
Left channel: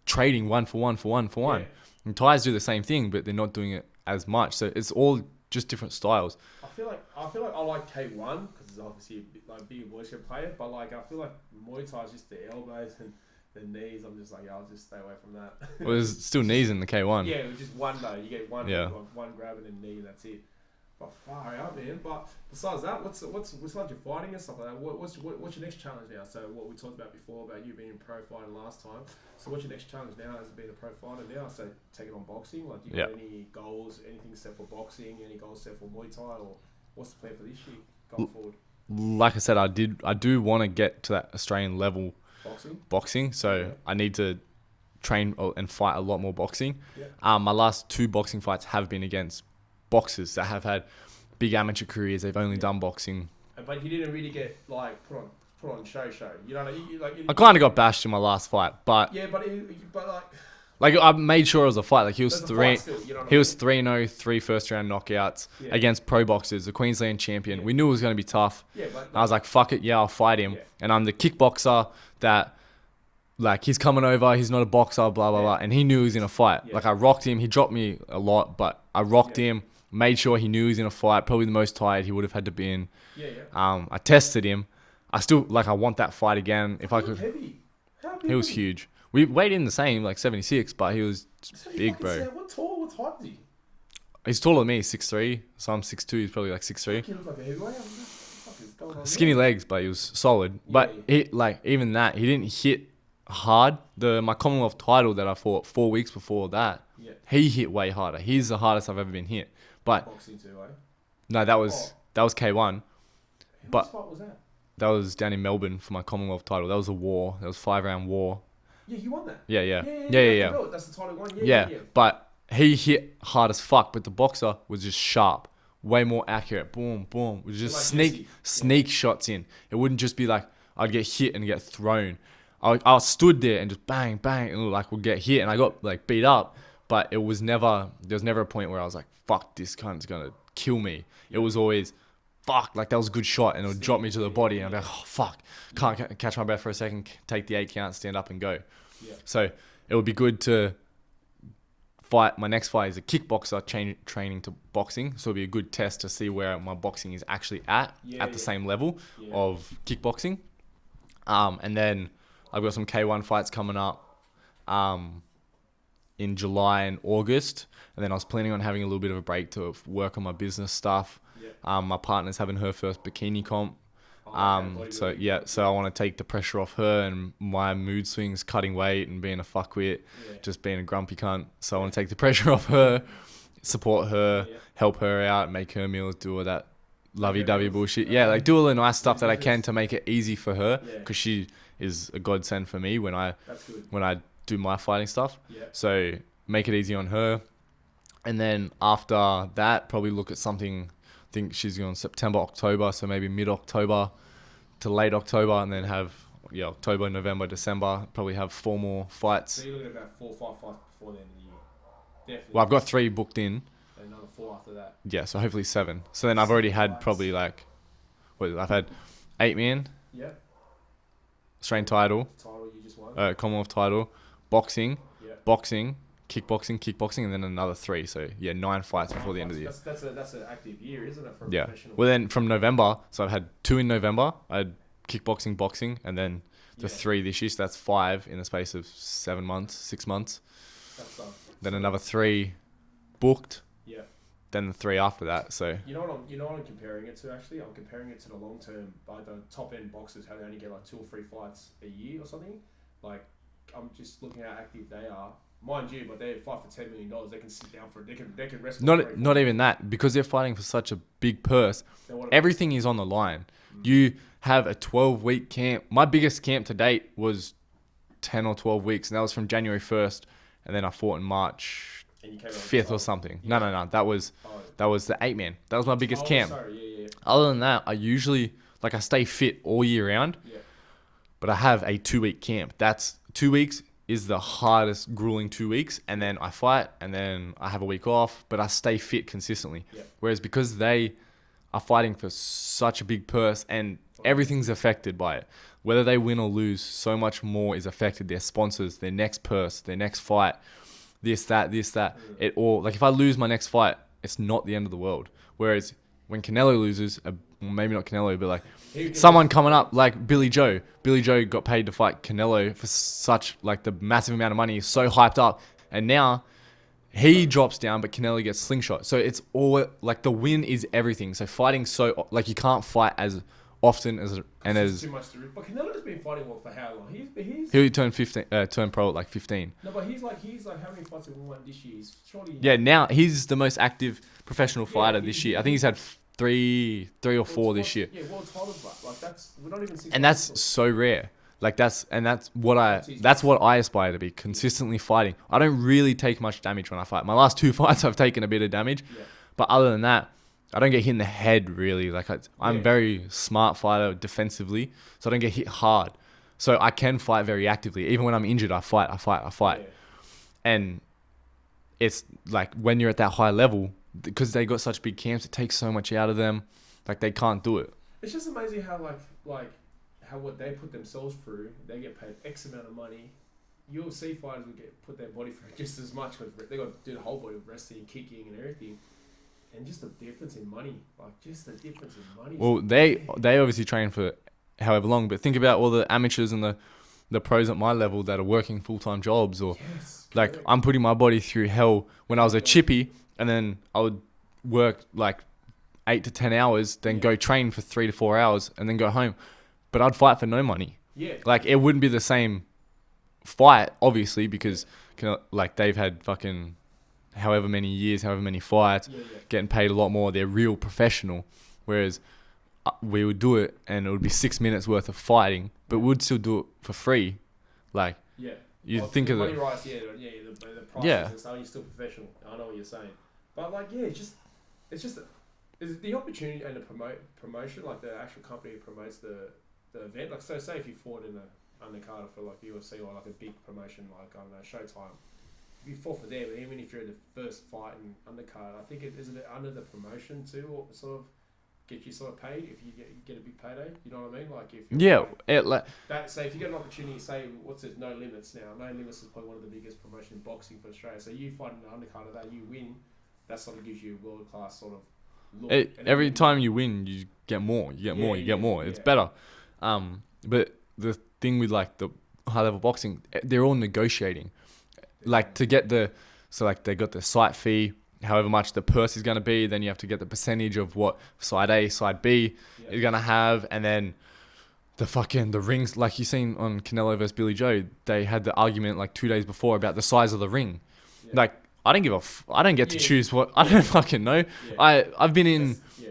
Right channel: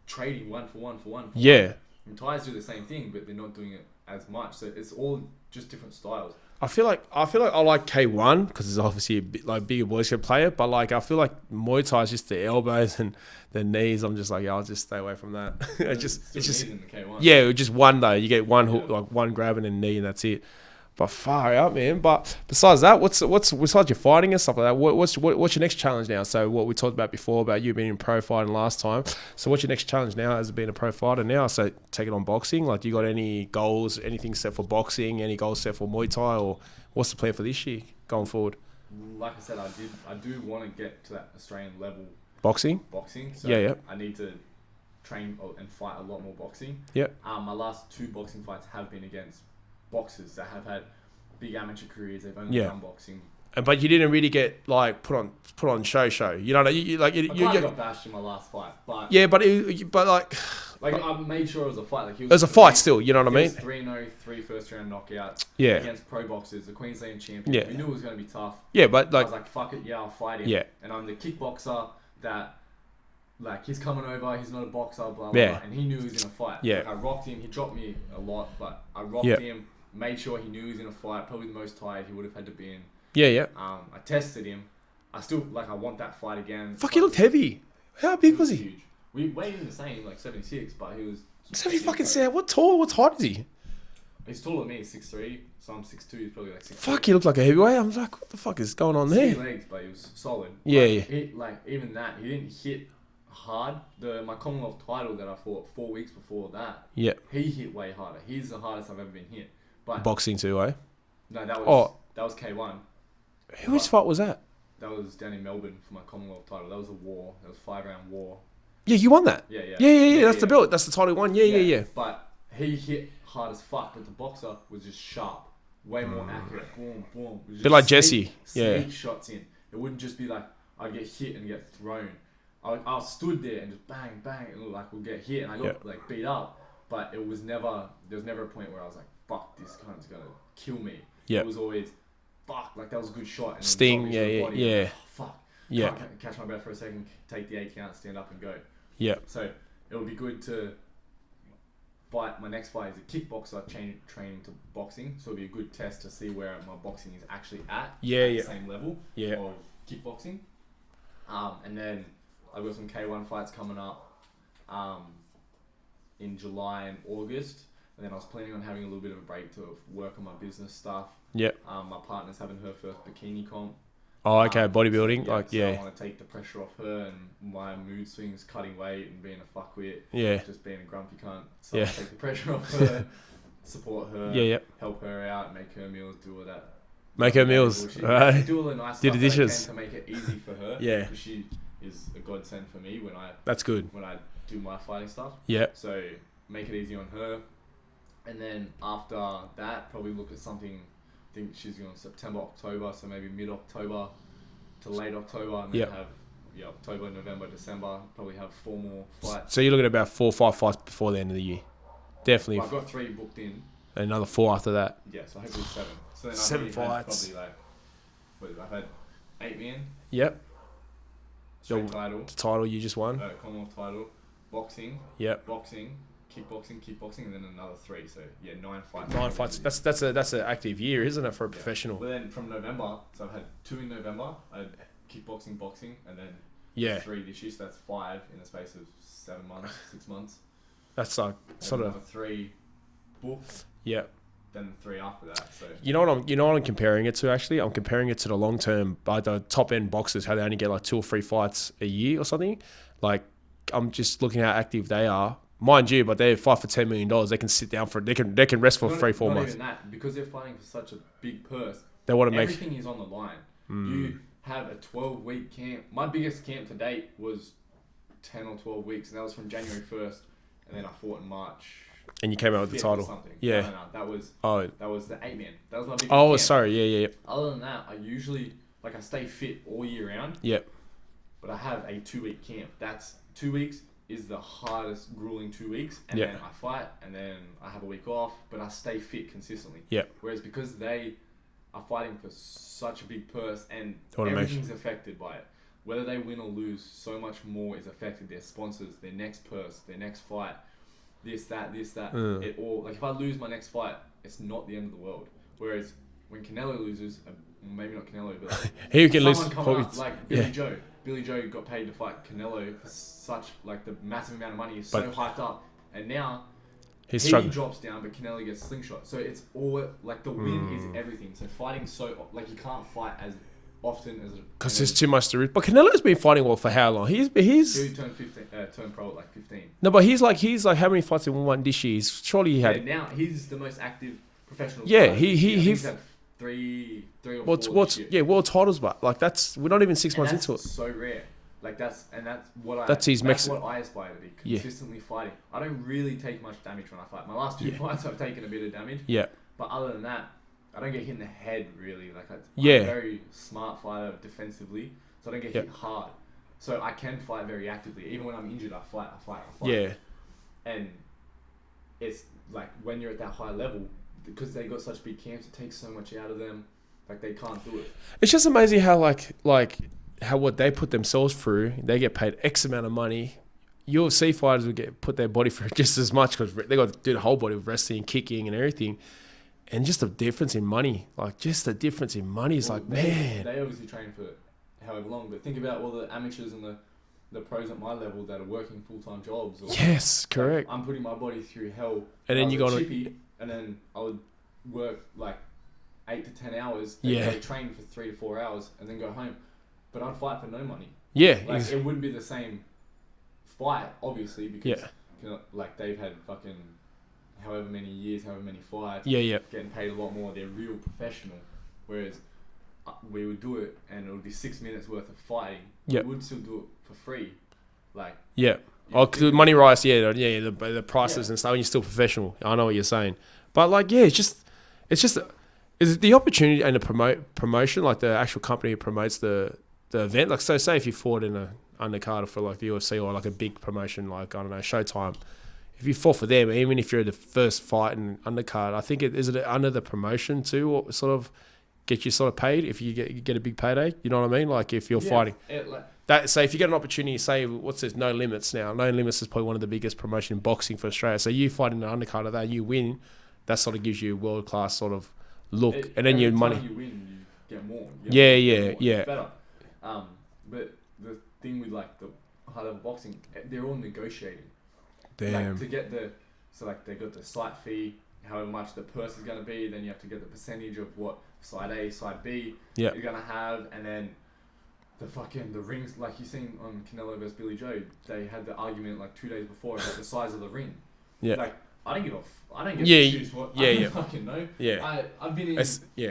trading one for one. Yeah. And Thais do the same thing, but they're not doing it as much. So it's all just different styles. I feel like I like K1 because it's obviously a bit like bigger boys can play it, but like I feel like Muay Thai is just the elbows and the knees. I'm just like, I'll just stay away from that. Well, there's still knees in the K1. Yeah, just one though. You get one hook, like one grab and a knee, and that's it. But far out, man. But besides that, what's besides your fighting and stuff like that? What's your next challenge now? So what we talked about before about you being in pro fighting last time. So what's your next challenge now as being a pro fighter now? So taking on boxing. Like, do you got any goals? Anything set for boxing? Any goals set for Muay Thai? Or what's the plan for this year going forward? Like I said, I do want to get to that Australian level boxing. So I need to train and fight a lot more boxing. Yeah. My last 2 boxing fights have been against boxers that have had big amateur careers. They've only done boxing, but you didn't really get like put on show. You know, I kind of got bashed in my last fight, but like I made sure it was a fight. Like, it was a fight still. You know what I mean? He was 3-0, 3 first round knockouts against pro boxers, the Queensland champion. Yeah. We knew it was going to be tough. Yeah, but I was like, fuck it, I'll fight him. Yeah. And I'm the kickboxer that, like, he's coming over, he's not a boxer, blah, blah, blah. And he knew he was in a fight. Yeah. Like, I rocked him. He dropped me a lot, but I rocked him, made sure he knew he was in a fight, probably the most tired he would have had to be in. Yeah. I tested him. I still, like, I want that fight again. Fuck, he looked heavy. How big was he? He was huge. We weighed in the same, like 76, but he was 70 big, fucking bro. sad. What height is he? He's taller than me, 6'3", so I'm 6'2", he's probably like 6'3". Fuck, he looked like a heavyweight. I was like, what the fuck is going on there? Skinny legs, but he was solid. Yeah, but yeah. Even that, he didn't hit hard. My Commonwealth title that I fought 4 weeks before that, he hit way harder. He's the hardest I've ever been hit. But boxing too, eh? No, that was K1. Whose fight was that? That was down in Melbourne for my Commonwealth title. That was a war. That was 5-round war. Yeah, you won that. Yeah. That's the belt. That's the title one. Yeah. But he hit hard as fuck. But the boxer was just sharp, way more accurate. Boom, boom. It was just bit like Jesse. Sneak shots in. It wouldn't just be like I'd get hit and get thrown. I stood there and just bang, bang, and like would get hit, and I got like beat up. But it was never. There was never a point where I was like, "Fuck, this cunt's gonna kill me." It was always, "Fuck, like that was a good shot," and it would drop me to the body. And I'm like, "Oh fuck, can't catch my breath for a second. Take the 8 count, stand up, and go." Yeah. So it would be good to fight. My next fight is a kickboxer training to boxing. So it'd be a good test to see where my boxing is actually at the same level of kickboxing. And then I've got some K1 fights coming up in July and August. And then I was planning on having a little bit of a break to work on my business stuff. Yeah. My partner's having her first bikini comp. Oh, okay. Bodybuilding. So I want to take the pressure off her and my mood swings, cutting weight and being a fuckwit. Yeah. Just being a grumpy cunt. So I want to take the pressessure off her, support her, help her out, make her meals, do all that. Make her meals. Bullshit. Like do all the nice stuff that I can to make it easy for her. Yeah. Because she is a godsend for me That's good. when I do my fighting stuff. Yeah. So make it easy on her. And then after that, probably look at something. I think she's going September, October, so maybe mid-October to late October, and then have October, November, December. Probably have 4 more fights. So you're looking at about 4 or 5 fights before the end of the year. Definitely. Well, I've got 3 booked in. And another 4 after that. Yeah, so hopefully 7. So then I've already had probably like, I've had 8 man. Yep. Australian title. The title you just won. Commonwealth title. Boxing. Yep. Boxing. Kickboxing, and then another 3. So 9 fights. 9 fights. That's an active year, isn't it, for a professional? Well, then from November, so I've had 2 in November. I had kickboxing, boxing, and then the 3 this year. So that's 5 in the space of 7 months, 6 months. That's like then another 3 booked. Yeah. Then the 3 after that. So you know what I'm comparing it to. Actually, I'm comparing it to the long term, the top end boxers, how they only get like 2 or 3 fights a year or something. Like, I'm just looking how active they are. Mind you, but they fight for $10 million. They can sit down they can rest for 3-4 months. Not even that, because they're fighting for such a big purse. Everything is on the line. You have a 12-week camp. My biggest camp to date was 10 or 12 weeks, and that was from January 1st, and then I fought in March. And you came out with 5th the title or something. Yeah. No. That was the 8-man. That was my biggest camp. Oh, sorry. Yeah. Other than that, I usually I stay fit all year round. Yeah. But I have a 2-week camp. That's 2 weeks is the hardest, grueling 2 weeks, and Yeah. then I fight, and then I have a week off, but I stay fit consistently. Yeah. Whereas because they are fighting for such a big purse, and everything's affected by it. Whether they win or lose, so much more is affected. Their sponsors, their next purse, their next fight, this, that. It all, like if I lose my next fight, it's not the end of the world. Whereas when Canelo loses, maybe not Canelo, but like someone coming up, like Billy Joe. Billy Joe got paid to fight Canelo for such like the massive amount of money. He's so hyped up, and now he drops down, but Canelo gets slingshot. So it's all like the win is everything. So fighting like you can't fight as often as because there's too much to. But Canelo's been fighting well for how long? He turned 15, turned pro at like 15. No, but he's like how many fights in one this year? Surely he had. Now he's the most active professional fighter this year. I think he's had three or four this year. Yeah, world titles, but like we're not even 6 months into it. And that's so rare. Like that's what I aspire to be, consistently fighting. I don't really take much damage when I fight. My last 2 fights I've taken a bit of damage. Yeah. But other than that, I don't get hit in the head really. Like I'm a very smart fighter defensively, so I don't get hit hard. So I can fight very actively. Even when I'm injured, I fight. Yeah. And it's like when you're at that high level, because they got such big camps, it takes so much out of them. Like they can't do it. It's just amazing how like how what they put themselves through, they get paid X amount of money. UFC fighters will put their body through just as much because they got to do the whole body of wrestling, kicking, and everything. And just the difference in money, is well, they obviously train for however long, but think about all the amateurs and the pros at my level that are working full-time jobs. Or yes, correct. Like I'm putting my body through hell when I was a chippy, and then I would work like 8 to 10 hours, then go train for 3 to 4 hours, and then go home. But I'd fight for no money. Yeah, like it wouldn't be the same fight, obviously, because like they've had fucking however many years, however many fights, getting paid a lot more. They're real professional. Whereas we would do it and it would be 6 minutes worth of fighting, but we'd still do it for free. Like, because the money rise, the prices and stuff, and you're still professional. I know what you're saying. But like, it's just is it the opportunity and the promotion, like the actual company who promotes the event? Like, so say if you fought in a undercard for like the UFC or like a big promotion, like, I don't know, Showtime. If you fought for them, even if you're the first fight in undercard, I think is it under the promotion too, or sort of get you sort of paid if you get a big payday? You know what I mean? Like if you're fighting that. So if you get an opportunity, say what's this? No Limits now. No Limits is probably one of the biggest promotion in boxing for Australia. So you fight in an undercard of that, you win. That sort of gives you a world class sort of look. And then every time you win, you get more. You get more. It's better. But the thing with like the high level boxing, they're all negotiating. Damn. Like to get they got the site fee, however much the purse is going to be, then you have to get the percentage of what side A, side B you're going to have, and then the rings, like you seen on Canelo versus Billy Joe, they had the argument like 2 days before about the size of the ring. Yeah. Like I don't get to choose what, I don't fucking know. Yeah. I've been in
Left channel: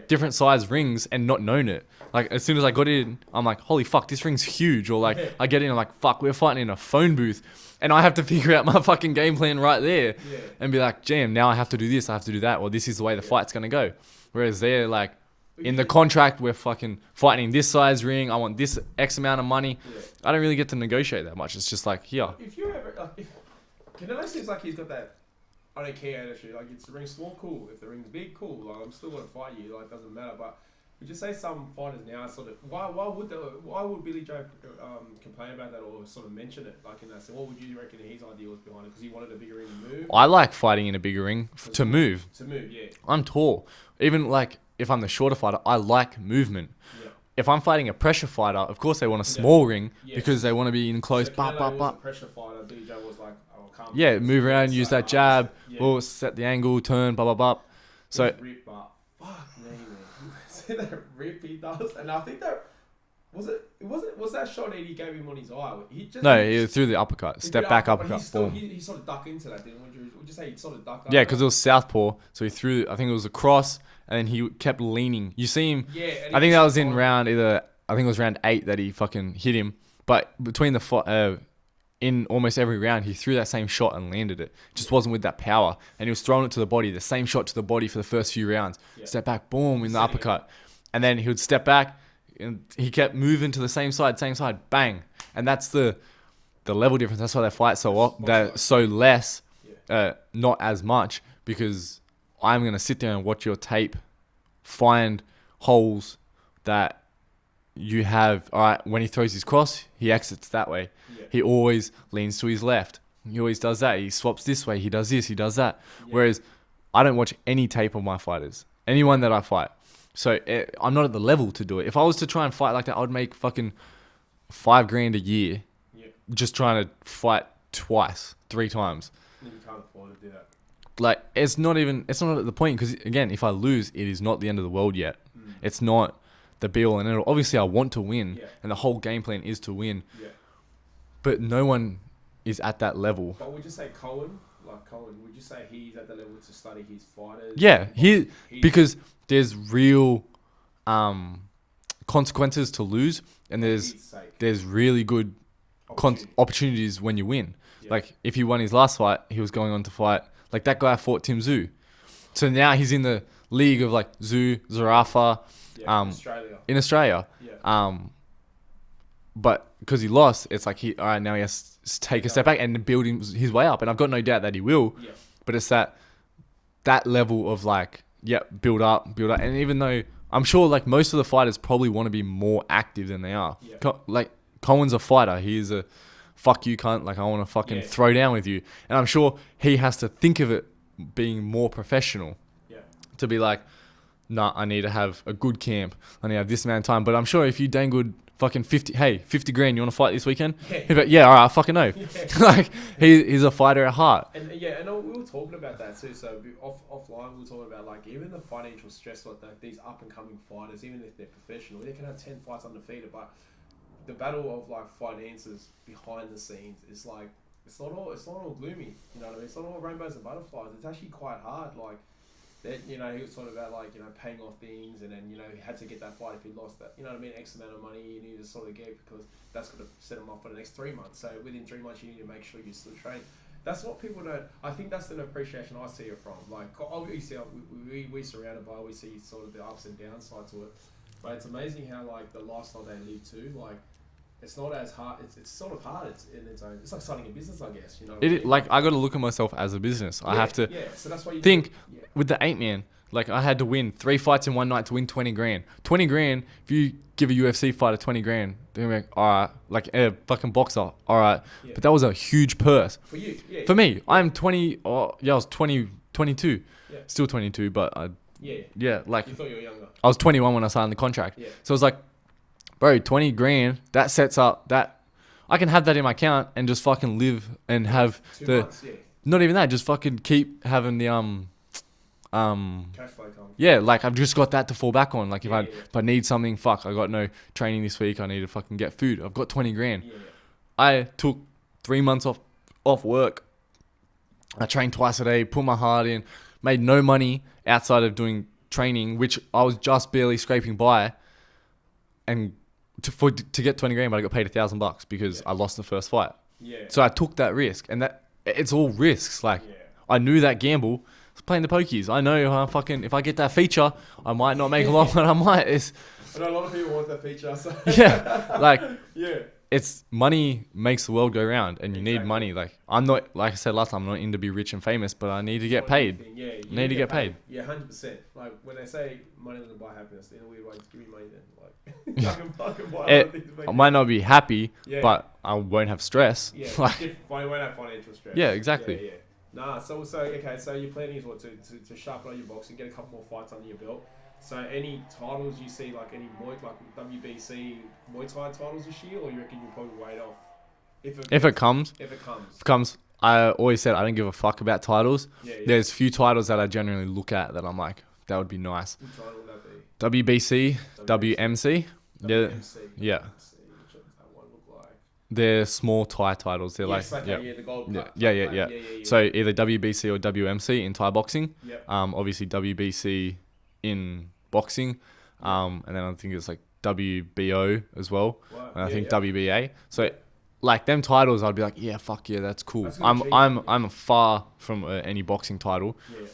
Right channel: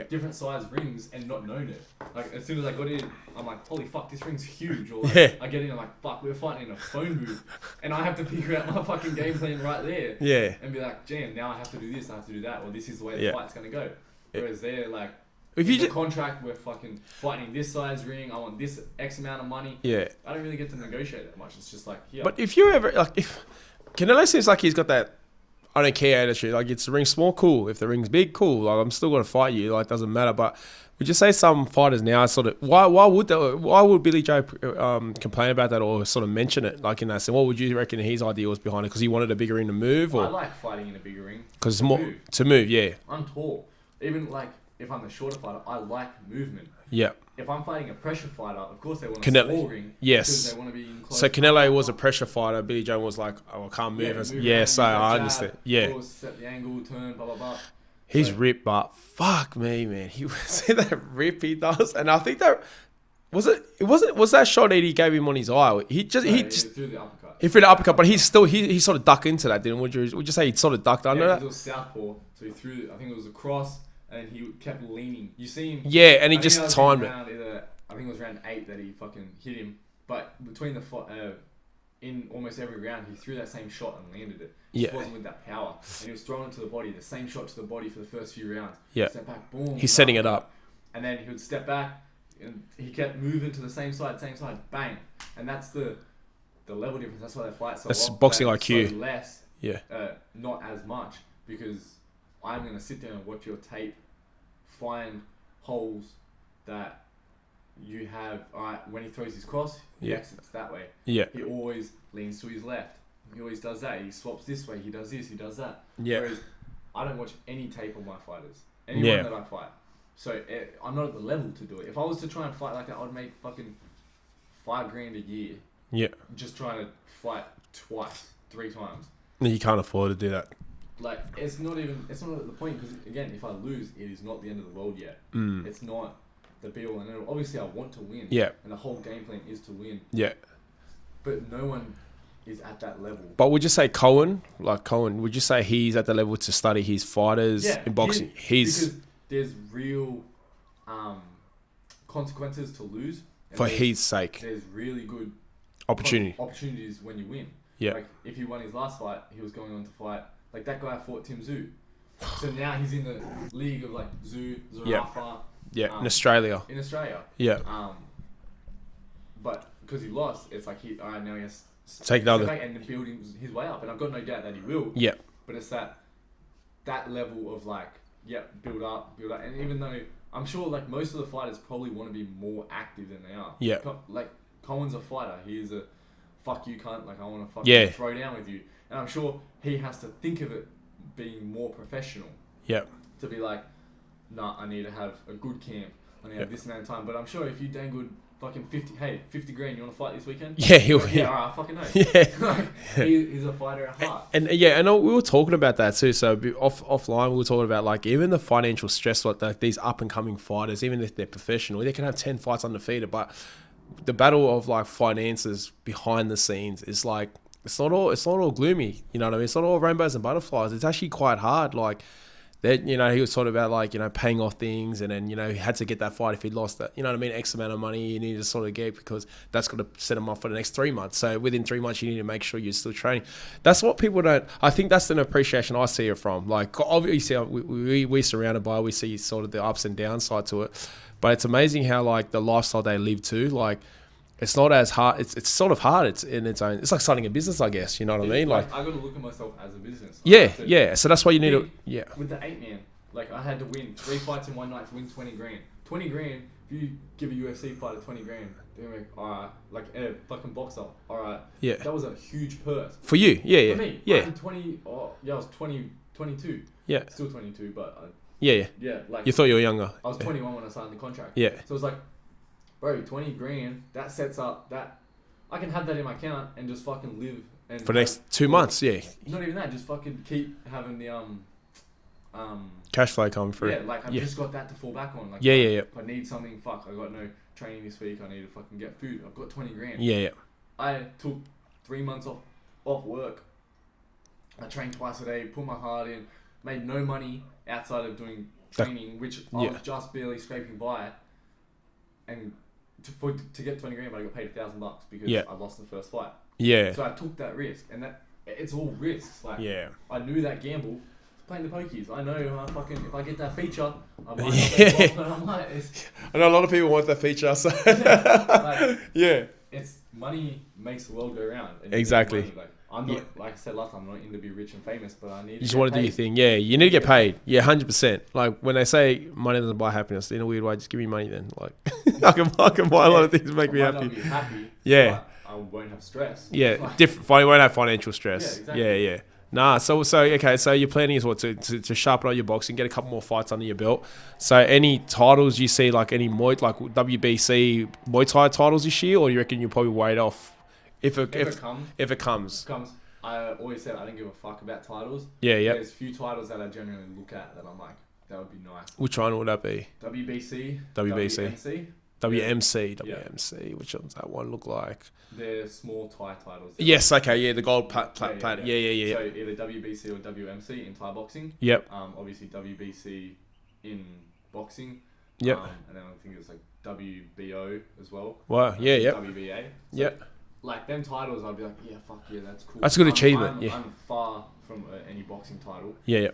different size rings and not known it. Like, as soon as I got in, I'm like, holy fuck, this ring's huge. Or like, I get in, I'm like, fuck, we're fighting in a phone booth. And I have to figure out my fucking game plan right there. Yeah. And be like, damn, now I have to do this, I have to do that. Or this is the way the fight's going to go. Whereas they're like, in the contract, we're fucking fighting in this size ring. I want this X amount of money. Yeah. I don't really get to negotiate that much. It's just like, yeah. But if you're ever, like, if Canelo seems like he's got that, I don't care attitude. Like, it's the ring small, cool. If the ring's big, cool. Like, I'm still going to fight you. Like, it doesn't matter. But would you say some fighters now sort of why would Billy Joe complain about that or sort of mention it like in that sense? What would you reckon his idea was behind it? Because he wanted a bigger ring to move? I like fighting in a bigger ring to move. To move, yeah. I'm tall. Even like if I'm the shorter fighter, I like movement. Yeah. If I'm fighting a pressure fighter, of course they want a small ring because they want to be in close. So Canelo was a pressure fighter. Billy Joe was like, I can't move. Yeah, move around, use that jab, or set the angle, turn, blah blah blah. He's ripped, but fuck me, man. He see that rip he does, and I think that was that shot that he gave him on his eye. He threw the uppercut. He threw the uppercut, but he sort of ducked into that. Didn't would you say he sort of ducked under? Yeah, because it was southpaw, so he threw. I think it was a cross. And then he kept leaning. You see him. Yeah, and I think that was in round either. I think it was round 8 that he fucking hit him. But between in almost every round, he threw that same shot and landed it. Just wasn't with that power. And he was throwing it to the body. The same shot to the body for the first few rounds. Yeah. Step back, boom. He's setting it up. And then he would step back, and he kept moving to the same side, bang. And that's the level difference. That's why they fight so That's often. boxing So IQ. less, Yeah. not as much, because I'm gonna sit there and watch your tape, find holes that you have. All right, when he throws his cross, he exits that way. Yeah. He always leans to his left. He always does that. He swaps this way. He does this. He does that. Yeah. Whereas I don't watch any tape of my fighters. Anyone that I fight. So I'm not at the level to do it. If I was to try and fight like that, I would make fucking $5,000 a year. Yeah. Just trying to fight twice, 3 times. And you can't afford to do that. Like, it's not at the point, because again, if I lose, it is not the end of the world yet. It's not the be all and end all. Obviously I want to win. Yeah. And the whole game plan is to win. Yeah. But no one is at that level. But would you say Cohen, would you say he's at the level to study his fighters? Yeah, in boxing? because there's real consequences to lose, and For his sake. there's really good opportunities when you win. Yeah. Like, if he won his last fight, he was going on to fight, like, that guy fought Tim Tszyu. So now he's in the league of like Tszyu, Zarafa. Yeah, in Australia. Yeah. But because he lost, it's like now he has to take a step back and build his way up. And I've got no doubt that he will. Yeah. But it's that level of like, build up. And even though I'm sure like most of the fighters probably want to be more active than they are. Yeah. Like, Cohen's a fighter. He is a fuck you cunt. Like, I want to fucking throw down with you. And I'm sure he has to think of it being more professional. Yeah. To be like, nah, I need to have a good camp. I need to have this amount of time. But I'm sure if you dangled fucking 50 grand, you want to fight this weekend? Yeah. All right, I fucking know. Yeah. Like, he's a fighter at heart. And we were talking about that too. So offline, we were talking about like even the financial stress, like these up and coming fighters, even if they're professional, they can have 10 fights undefeated. But the battle of like finances behind the scenes is like, it's not all gloomy. You know what I mean? It's not all rainbows and butterflies. It's actually quite hard. Like, that, he was talking about like, paying off things, and then, he had to get that fight if he lost that, X amount of money you need to sort of get, because that's going to set him up for the next 3 months. So within 3 months, you need to make sure you're still training. That's what people don't, I think that's an appreciation I see it from. Like, obviously we surrounded by, we see sort of the ups and downs side to it, but it's amazing how like the lifestyle they live too, like, it's not as hard. It's sort of hard. It's in its own. It's like starting a business, I guess. You know what I mean? Like, I got to look at myself as a business. Yeah, I have to So that's why you think. need. With the 8-man, like, I had to win 3 fights in one night to win 20 grand. 20 grand. If you give a UFC fighter 20 grand, they're gonna be like, all right, like a fucking boxer. All right. Yeah. But that was a huge purse For you, yeah. for me. Yeah. I'm 20. I was 22. Yeah. Still 22, but Yeah. like, You thought you were younger. I was 21 when I signed the contract. Yeah. So it's like, bro, 20 grand. That sets up that. I can have that in my account and just fucking live and For have next 2 months, yeah. Not even that, just fucking keep having the Cash flow coming through. yeah, like I've just got that to fall back on. Like, Yeah. if I need something, I got no training this week. I need to fucking get food. I've got 20 grand. Yeah. I took 3 months off work. I trained twice a day, put my heart in, made no money outside of doing training, which I was just barely scraping by, and to get 20 grand, but I got paid $1,000 because I lost the first fight. Yeah. So I took that risk, and that it's all risks. Like, I knew that gamble. I was playing the pokies. I know if I get that feature, I might not make a lot, but I might. I know a lot of people want that feature. So. It's money makes the world go round, and you need money. Like, I'm not, like I said last time, I'm not in to be rich and famous, but I need to get paid. Yeah, you need to get paid. Yeah, 100%. Like, when they say money doesn't buy happiness, in a weird way, just give me money then. Like, I can buy a lot of things. I might not be happy, but I won't have stress. Yeah, like, different. You won't have financial stress. Yeah, exactly. Yeah. Nah, so okay, so your planning is what to sharpen up your boxing, get a couple more fights under your belt. So any titles you see, like any Muay, like WBC Muay Thai titles this year, or you reckon you'll probably wait off if it comes? I always said I don't give a fuck about titles. Yeah. There's few titles that I generally look at that I'm like, that would be nice. Which one would that be? WBC. WMC. WMC. Which one's that one look like? They're small Thai titles. They're the gold plate. Yeah. So either WBC or WMC in Thai boxing. Yep. Obviously WBC in boxing. Yep. And then I think it's like WBO as well. Wow. WBA. So like them titles, I'd be like, yeah, fuck yeah, that's cool. That's a good achievement. I'm far from any boxing title. Yeah.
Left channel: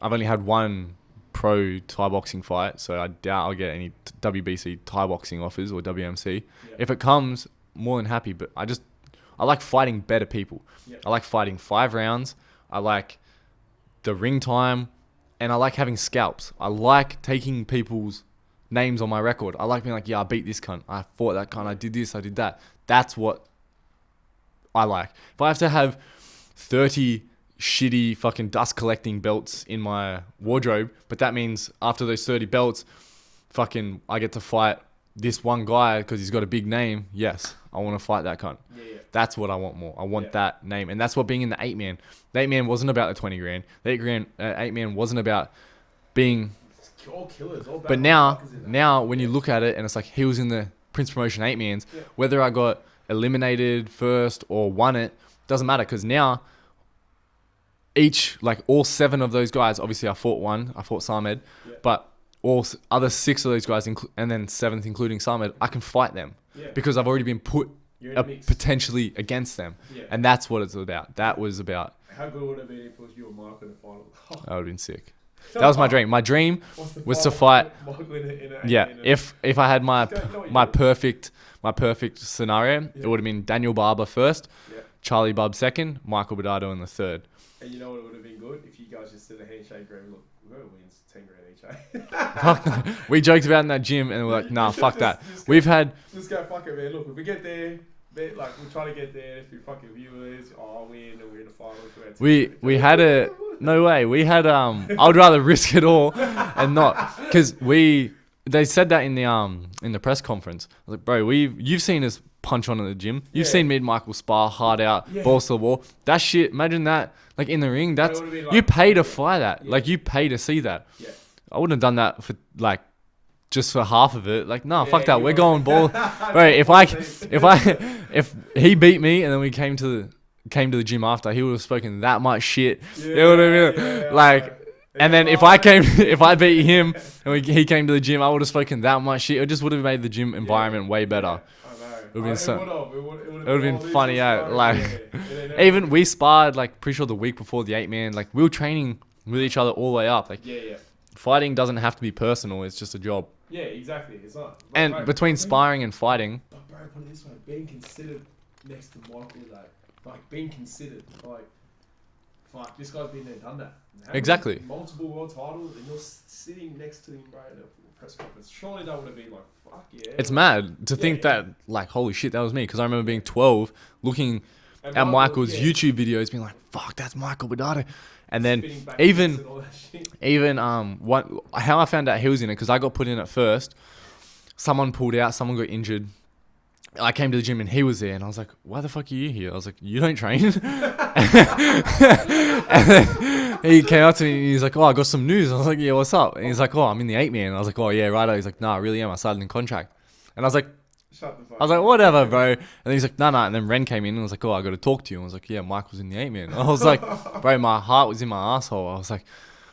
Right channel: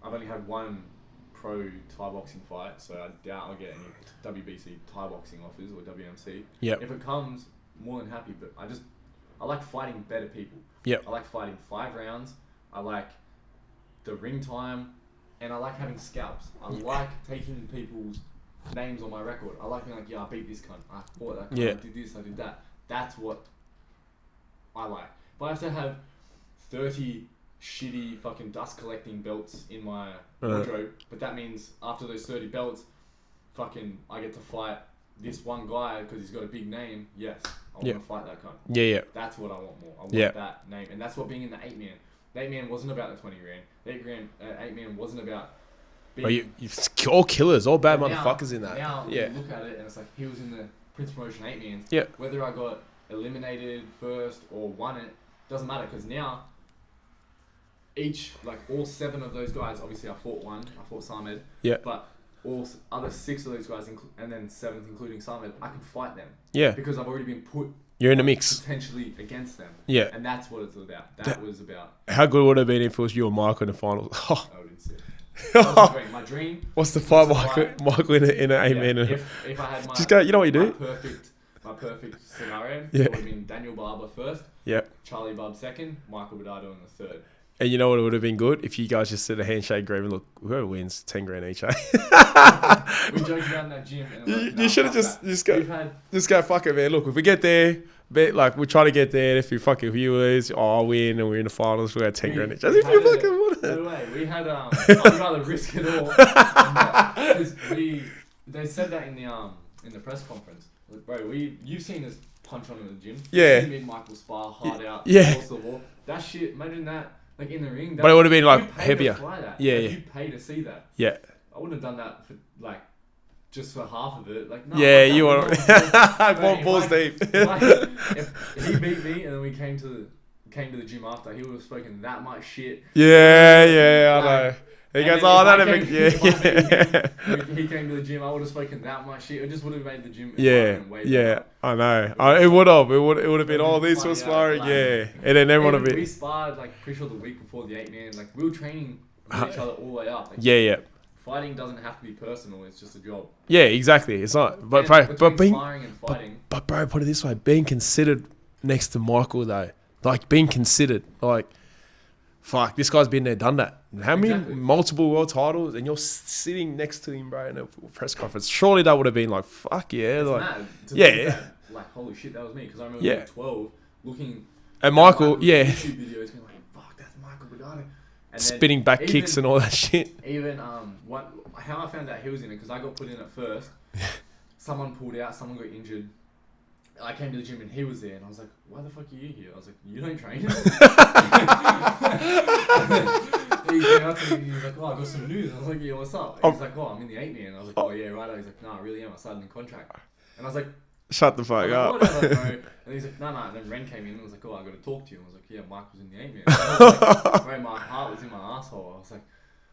I've only had one pro Thai boxing fight, so I doubt I'll get any WBC Thai boxing offers or WMC. Yeah. If it comes, more than happy, but I like fighting better people. Yep. I like fighting 5 rounds. I like the ring time, and I like having scalps. I like taking people's names on my record. I like being like, yeah, I beat this cunt. I fought that cunt. Yeah. I did this. I did that. That's what I like. If I have to have 30 shitty fucking dust collecting belts in my wardrobe, but that means after those 30 belts, fucking I get to fight this one guy because he's got a big name. Yes, I want to fight that cunt. Yeah. That's what I want more. I want that name. And that's what being in the 8-man. The 8-man wasn't about the 20 grand. The 8-man wasn't about being... all killers, all bad motherfuckers in that. Now, when you look at it, and it's like he was in the Prince Promotion 8-mans, whether I got eliminated first or won it, doesn't matter, because now all 7 of those guys, obviously I fought one, I fought Samed, but all other 6 of those guys, and then 7th including Samed, I can fight them. Yeah. Because I've already been put... You're in a mix. Potentially against them. Yeah. And that's what it's about. That was about... How good would it have been if it was you and Michael in the finals? That would have been sick. That was my dream. My dream was to fight Michael in an 8-man. If I had my perfect scenario, it would have been Daniel Barber first, Charlie Bubb second, Michael Badado in the third. And you know what would have been good? If you guys just did a handshake agreement, look, whoever wins, 10 grand each, eh? We joked about it in that gym and we're like, nah, fuck that. Just go, fuck it, man. Look, if we get there, we'll try to get there. If you fucking viewers, I'll win and we're in the finals, we'll get 10 grand each. We had no way. We had, I would rather risk it all and not. Because they said that in the press conference. I was like, bro, you've seen us punch on at the gym. You've seen me and Michael spar hard out, balls to the wall. That shit, imagine that. Like in the ring, that's, but it would have been like you pay heavier. To fly that. You pay to see that. Yeah. I wouldn't have done that for just for half of it. Like, no, fuck that. We're going ball. Right, if he beat me and then we came to the gym after, he would have spoken that much shit. Yeah. Like, and then if I beat him and he came to the gym, I would have spoken that much shit. It just would have made the gym environment way better. I know. It would have. It would have been all these funny. And then even we sparred pretty sure the week before the 8-man. Like we were training with each other all the way up. Like, fighting doesn't have to be personal. It's just a job. Yeah, exactly. It's not. But between sparring and fighting. But bro, put it this way: being considered next to Michael though, being considered fuck, this guy's been there, done that. How many multiple world titles, and you're sitting next to him, bro, in a press conference. Surely that would have been fuck yeah. It's mad to think that, holy shit, that was me. Because I remember being 12, looking at Michael's YouTube videos, being like, fuck, that's Michael Badado. And then spinning back kicks and all that shit. Even how I found out he was in it, because I got put in at first. Someone pulled out, someone got injured. I came to the gym and he was there, and I was like, why the fuck are you here? I was like, you don't train. And then he came up to me and he's like, oh, I got some news. I was like, yeah, what's up? And he's like, oh, I'm in the 8-man. I was like, oh, yeah, right. He's like, no, I really am. I started in contract. And I was like, shut the fuck up. I was like, whatever, bro. And he's like, no. And then Ren came in and was like, oh, I got to talk to you. And I was like, yeah, Michael's in the 8-man. And I was like, bro, my heart was in my asshole. I was like,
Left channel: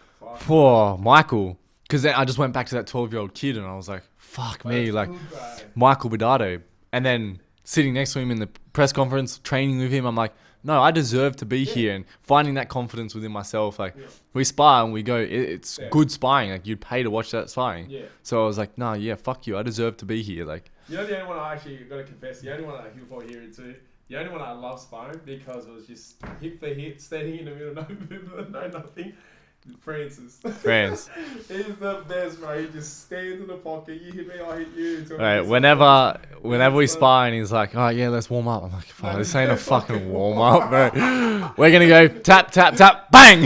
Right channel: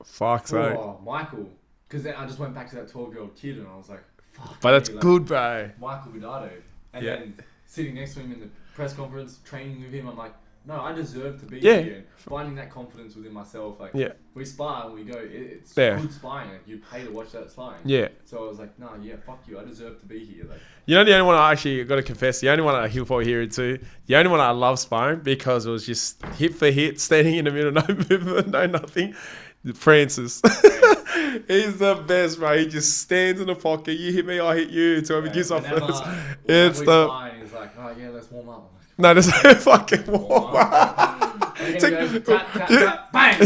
fuck, oh, Michael. Because then I just went back to that 12-year-old kid and I was like, fuck, but me. That's good, bro. Michael Badado. And then sitting next to him in the press conference, training with him, I'm like, no, I deserve to be here. And finding that confidence within myself. We spar and we go, it's good sparring. Like, you'd pay to watch that sparring. Yeah. So I was like, no, fuck you. I deserve to be here. Like, you know, the only one I actually got to confess, the only one he'll probably hear it too. The only one I love sparring because it was just hit for hit, standing in the middle, no movement, no nothing. Francis. He's the best, bro. He just stands in the pocket. You hit me, I hit you. So whenever we spar and he's like, oh yeah, let's warm up. I'm like, no, there's no fucking warm up, bro. We're gonna go tap, tap, tap, bang.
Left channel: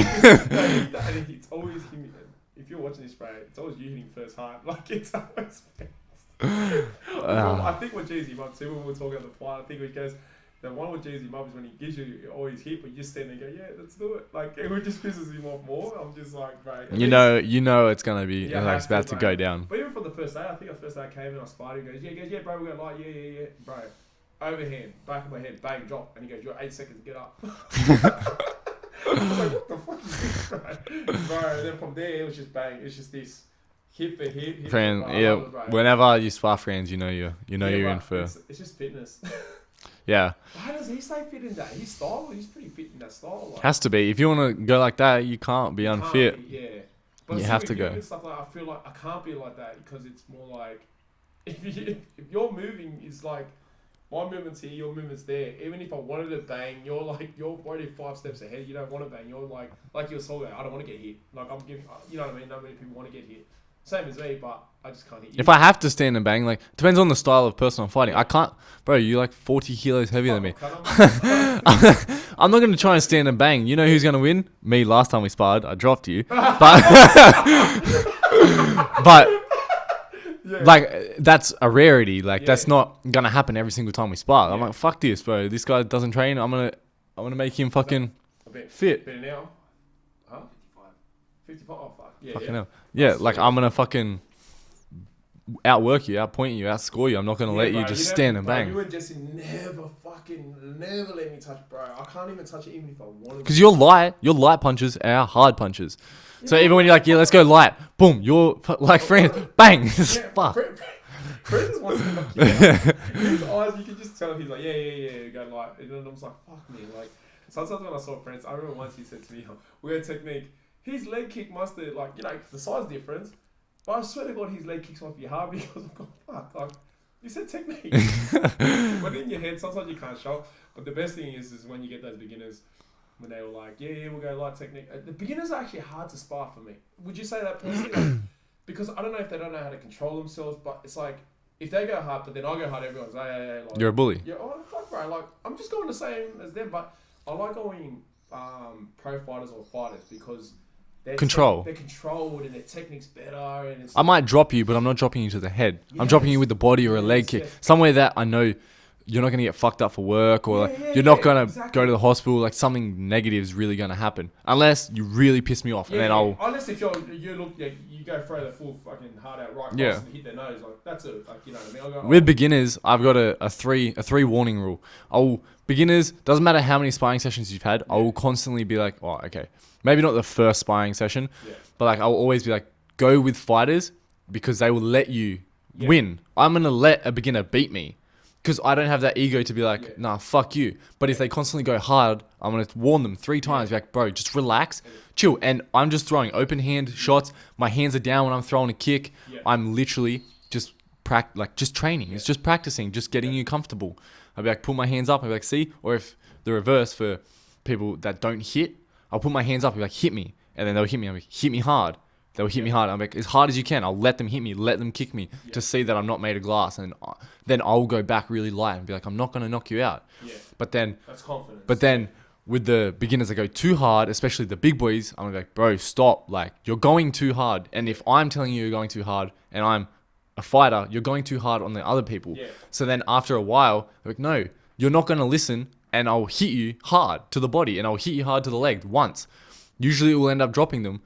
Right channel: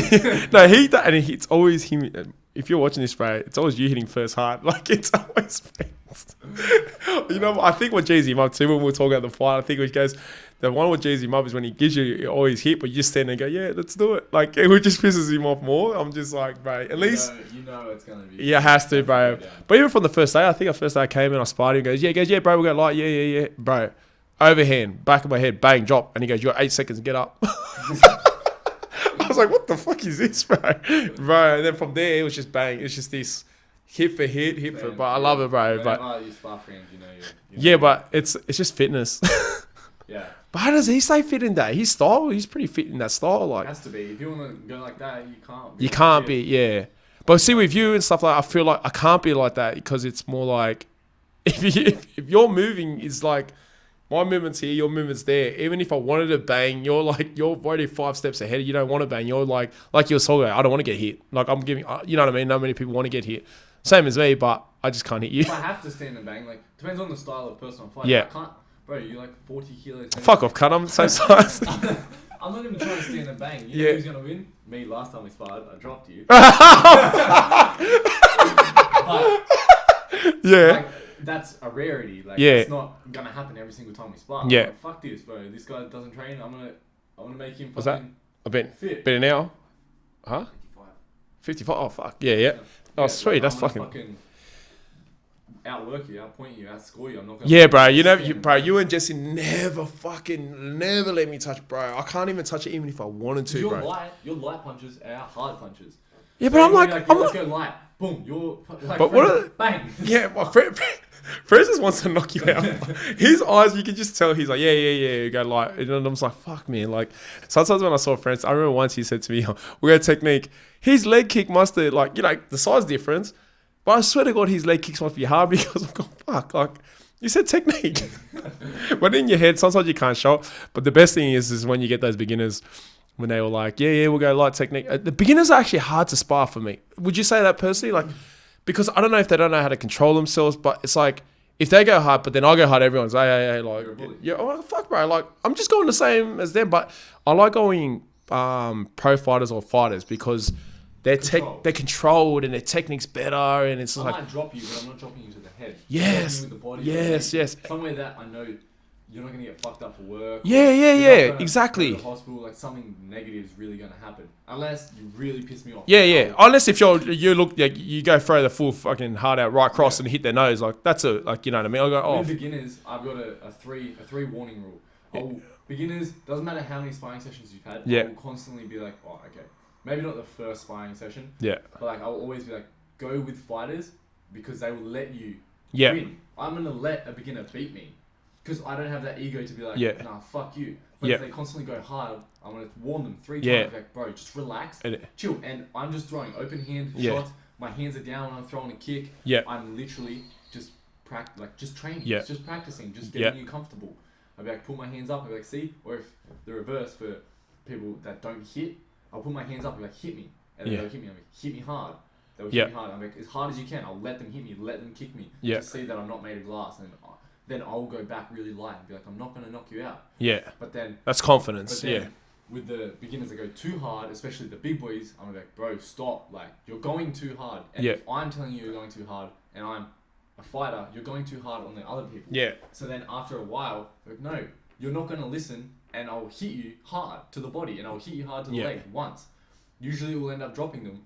No, it's always him. If you're watching this, bro, it's always you hitting first hard. Like, it's always I think what Jay-Z up too, when we were talking about the fight, I think it goes, the one with Jay-Z up is when he gives you always hit, but you just stand there and go, yeah, let's do it. Like, it just pisses him off more. I'm just like, bro, at least you know it's gonna be. Yeah, it has to, bro. To go down. But even from the first day, I think the first day I came in, I sparred him. He goes, yeah, bro, we got light, yeah, bro. Overhand, back of my head, bang, drop, and he goes, you got 8 seconds, get up. I was like, what the fuck is this, bro? And then from there, it was just bang. It's just this. Hit for hit for bar. I love it, bro. Whenever you spar friends, you know you're but it's just fitness. Yeah. But how does he stay fit in that? His style, he's pretty fit in that style. Like, has to be. If you want to go like that, you can't be. You can't be, yeah. But see, with you and stuff like, I feel like I can't be like that because it's more like if you're moving, it's like My movement's here, your movement's there. Even if I wanted to bang, you're already 5 steps ahead. You don't want to bang. You're like you're talking about, I don't want to get hit. Like I'm giving, you know what I mean? Not many people want to get hit. Same as me, but I just can't hit you. If I have to stand and bang, like depends on the style of person I'm fighting. Yeah. I can't, bro. You're like 40 kilos heavier Fuck than off, cunt. I'm so sorry. I'm not going to try and stand and bang. You know who's going to win? Me. Last time we sparred, I dropped you. But Yeah. like that's a rarity. Like Yeah. that's not gonna happen every single time we spar. Yeah. I'm like, fuck this, bro. This guy doesn't train. I'm gonna make him fucking I bet fit. better now. Huh? 55. Oh fuck. Yeah, yeah. No. Oh, Yeah, sweet, like I'm that's gonna fucking outwork you, outpoint you, outscore you. I'm not gonna. Yeah, let bro. You, You just know, stand and bro. bang. You and Jesse never let me touch, bro. I can't even touch it even if I wanted to. Because you're bro. light. Your light punches are hard punches. Yeah, So but even I'm when you're like, yeah, I'm let's go light. Boom. You're like, But friend, what- bang. Yeah, but Fred just wants to knock you out. His eyes, you can just tell he's like, yeah, you go light. And I'm just like, fuck, man. Like, sometimes when I saw friends, I remember once he said to me, we had technique. His leg kick must have, like, you know, the size difference. But I swear to God, his leg kicks must be hard because I'm going, fuck, like, you said technique. But in your head, sometimes you can't show it. But the best thing is when you get those beginners, when they were like, yeah, we'll go light technique. The beginners are actually hard to spar for me. Would you say that personally? Like, because I don't know if they don't know how to control themselves, but it's like, if they go hard, but then I go hard, everyone's like, hey, like, You're a bully. Yeah, oh, fuck, bro. Like, I'm just going the same as them, but I like going pro fighters or fighters because they're they're controlled and their technique's better, and it's. I might drop you, but I'm not dropping you to the head. I'm dropping you with the body or a leg kick. Yes. Somewhere that I know you're not going to get fucked up for work or Yeah, you're not going to exactly. go to the hospital. Like something negative is really going to happen. Unless you really piss me off. Yeah, then Unless if you look like you go throw the full fucking heart out right cross Yeah. and hit their nose, like that's a like you know what I mean. I'll go, oh, With beginners, I've got a three warning rule. Beginners, doesn't matter how many sparring sessions you've had, I will constantly be like, oh, okay. Maybe not the first sparring session. Yeah. But like I'll always be like, go with fighters because they will let you Yeah. win. I'm gonna let a beginner beat me. Because I don't have that ego to be like, nah, fuck you. But if they constantly go hard, I'm going to warn them 3 times. Be like, bro, just relax, chill. And I'm just throwing open hand shots. My hands are down when I'm throwing a kick. Yeah. I'm literally just just training. It's just practicing, just getting you comfortable. I'll be like, pull my hands up. I'll be like, see? Or if the reverse for people that don't hit, I'll put my hands up and be like, hit me. And then they'll hit me. I'm like, hit me hard. They'll hit me hard. I'm like, as hard as you can. I'll let them hit me. Let them kick me to see that I'm not made of glass. And then I'll go back really light and be like, I'm not going to knock you out. Yeah. But then... That's confidence. But then with the beginners that go too hard, especially the big boys, I'm like, bro, stop. Like, you're going too hard. And if I'm telling you you're going too hard and I'm a fighter, you're going too hard on the other people. Yeah. So then after a while, they're like, no, you're not going to listen and I'll hit you hard to the body and I'll hit you hard to the leg once. Usually it will end up dropping them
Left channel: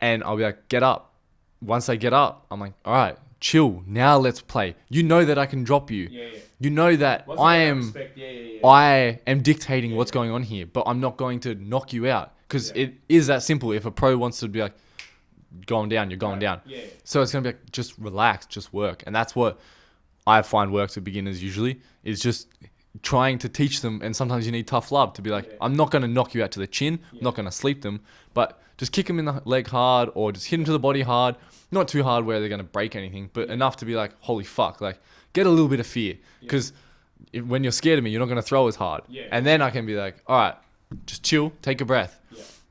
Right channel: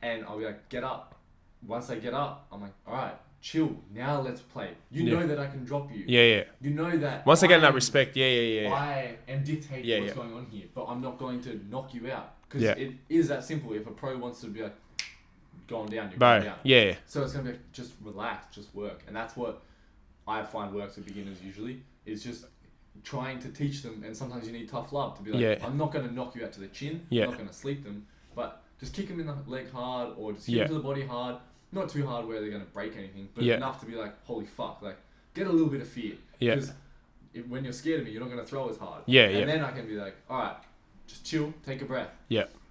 and I'll be like, get up. Once they get up, I'm like, all right, chill. Now let's play. You know that I can drop you. Yeah. You know that Once again, that respect. Yeah. I am dictating what's going on here, but I'm not going to knock you out because it is that simple. If a pro wants to be like, going down, you're going down. Yeah. So it's going to be like, just relax, just work. And that's what I find works with beginners usually is just trying to teach them. And sometimes you need tough love to be like, I'm not going to knock you out to the chin. I'm not going to sleep them, but just kick them in the leg hard or just hit them to the body hard. Not too hard where they're going to break anything, but enough to be like, holy fuck, like get a little bit of fear. Because when you're scared of me, you're not going to throw as hard. And then I can be like, all right, just chill, take a breath.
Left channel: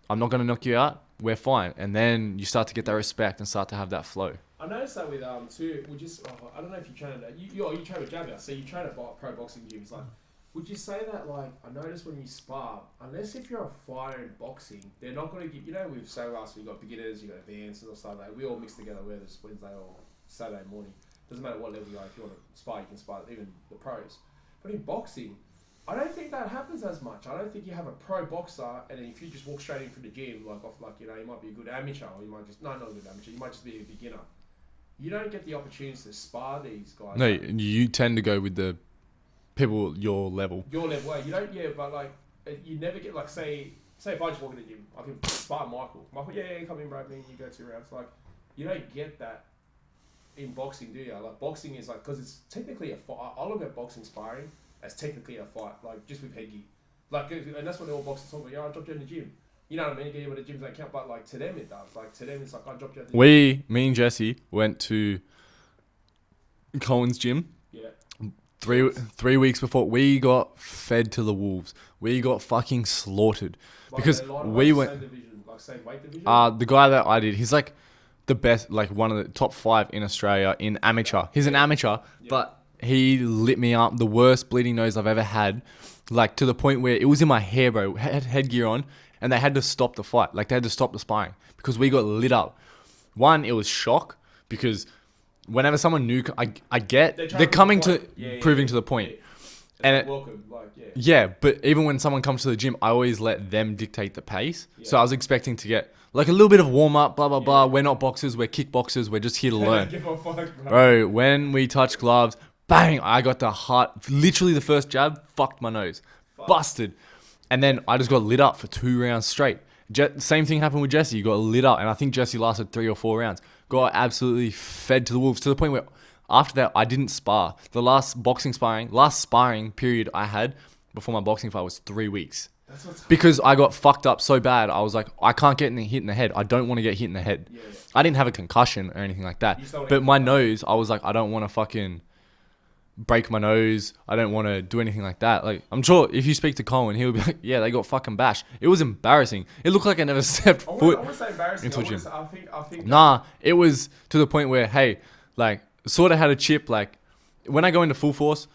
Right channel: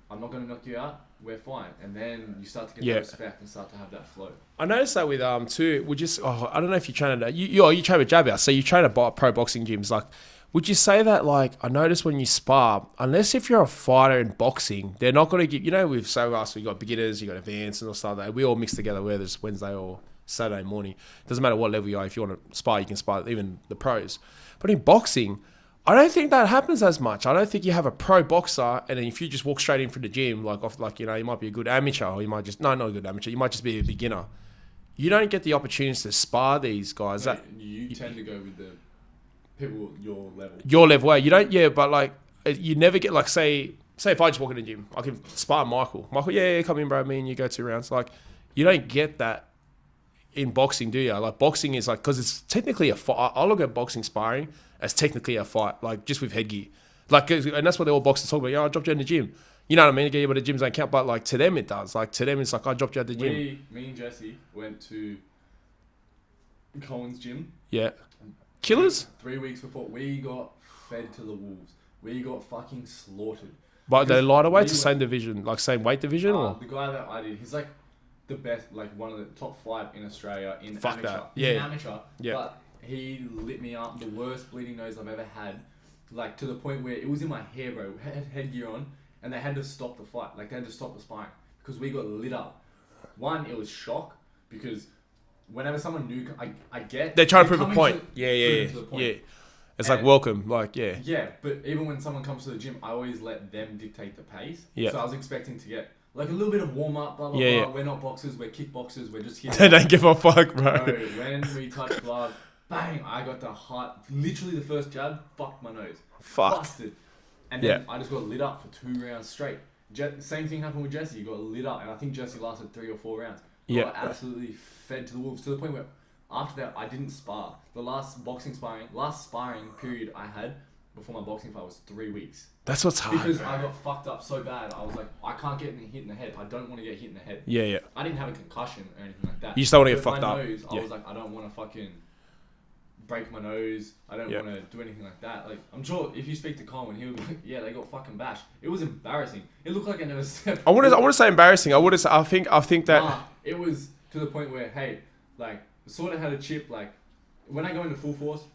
I'm not going to knock you out. We're fine. And then you start to get that respect and start to have that flow. I noticed that with too. I don't know if you train at you train with jab house, so you train at pro boxing gyms. Like, would you say that like I noticed when you spar, unless if you're a fighter in boxing, they're not going to give. You know, we've so us, we got beginners, you got advanced and all stuff. That we all mix together, whether it's Wednesday or Saturday morning. Doesn't matter what level you are. If you want to spar, you can spar. Even the pros. But in boxing, I don't think that happens as much. I don't think you have a pro boxer, and then if you just walk straight in from the gym, you might be a good amateur, or you might just not a good amateur. You might just be a beginner. You don't get the opportunities to spar these guys. No, you tend to go with the people your level. Your level, you don't. Yeah, but like you never get like say if I just walk in the gym, I can spar Michael. Yeah, come in, bro. Me and you go 2 rounds. Like you don't get that in boxing, do you? Like boxing is like because it's technically a fight. I look at boxing sparring as technically a fight, like just with headgear. Like, and that's what they all boxers talk about. Yeah, I dropped you in the gym. You know what I mean? Again, but the gyms don't count. But like to them, it does. Like to them, it's like I dropped you at the gym. Me and Jesse went to Cohen's gym. Yeah. Killers? 3 weeks before, we got fed to the wolves. We got fucking slaughtered. But Because they lighter weights, we went- same division, like same weight division. Or? The guy that I did, he's like the best, like one of the top 5 in Australia in amateur. that. He's an Yeah. amateur, Yeah. but he lit me up. The worst bleeding nose I've ever had, like to the point where it was in my hair, bro. Had headgear on, and they had to stop the fight. Like they had to stop the sparring because we got lit up. One, it was shock because whenever someone new, I get They're trying to prove coming a to point. proving to the point. Yeah. It's And like welcome, like Yeah, but even when someone comes to the gym, I always let them dictate the pace. Yeah. So I was expecting to get like a little bit of warm up, blah, blah, Yeah, blah. yeah. We're not boxers, we're kickboxers, we're just here to They learn. don't give a fuck, bro. Bro, when we touched gloves, bang, I got the heart, literally the first jab, fucked my nose. Fuck. Busted. And then Yeah. I just got lit up for 2 rounds straight. Same thing happened with Jesse. You got lit up, and I think Jesse lasted 3 or 4 rounds. Got Yeah. absolutely fed to the wolves to the point where after that, I didn't spar. The last sparring period I had before my boxing fight was 3 weeks. That's what's hard. Because I got fucked up so bad, I was like, I can't get hit in the head. I don't want to get hit in the head. Yeah, yeah. I didn't have a concussion or anything like that. You just don't want to But get my fucked up. nose, I was like, I don't want to fucking break my nose. I don't want to do anything like that. Like, I'm sure if you speak to Colin, he'll be like, yeah, they got fucking bashed. It was embarrassing. It looked like I never stepped. I want to say embarrassing. I think that. Nah, it was to the point where, hey, like, sort of had a chip. Like, when I go into full force,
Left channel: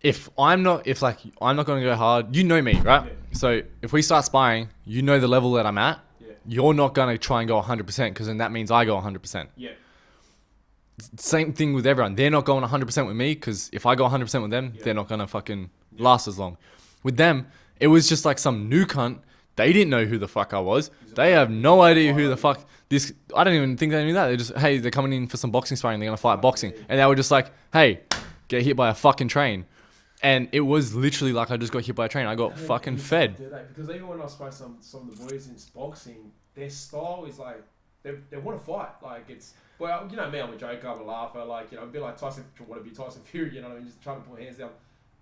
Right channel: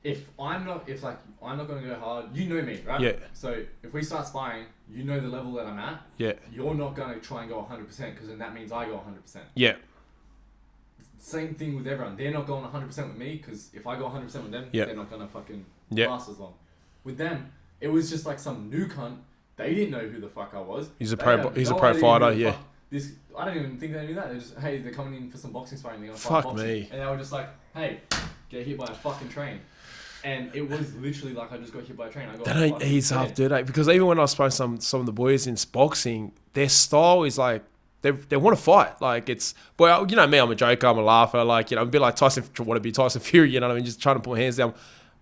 if I'm not going to go hard, you know me, right? Yeah. So if we start sparring, you know the level that I'm at. Yeah. You're not going to try and go 100% because then that means I go 100%. Yeah. Same thing with everyone. They're not going 100% with me because if I go 100% with them, Yeah. they're not going to fucking Yeah. last as long. With them, it was just like some new cunt. They didn't know who the fuck I was. He's a They pro- have he's a no pro idea fighter, who the yeah. fuck this. I don't even think they knew that. They just, hey, they're coming in for some boxing sparring. They're gonna fight Fuck boxing, me. and they were just like, hey, get hit by a fucking train. And it was literally like I just got hit by a train. I got That ain't fucking easy, fed. dude. Because even when I spoke to some of the boys in boxing, their style is like they want to fight. Like it's you know me, I'm a joker, I'm a laugher. Like I'm a bit like Tyson, want to be Tyson Fury. You know what I mean? Just trying to put my hands down.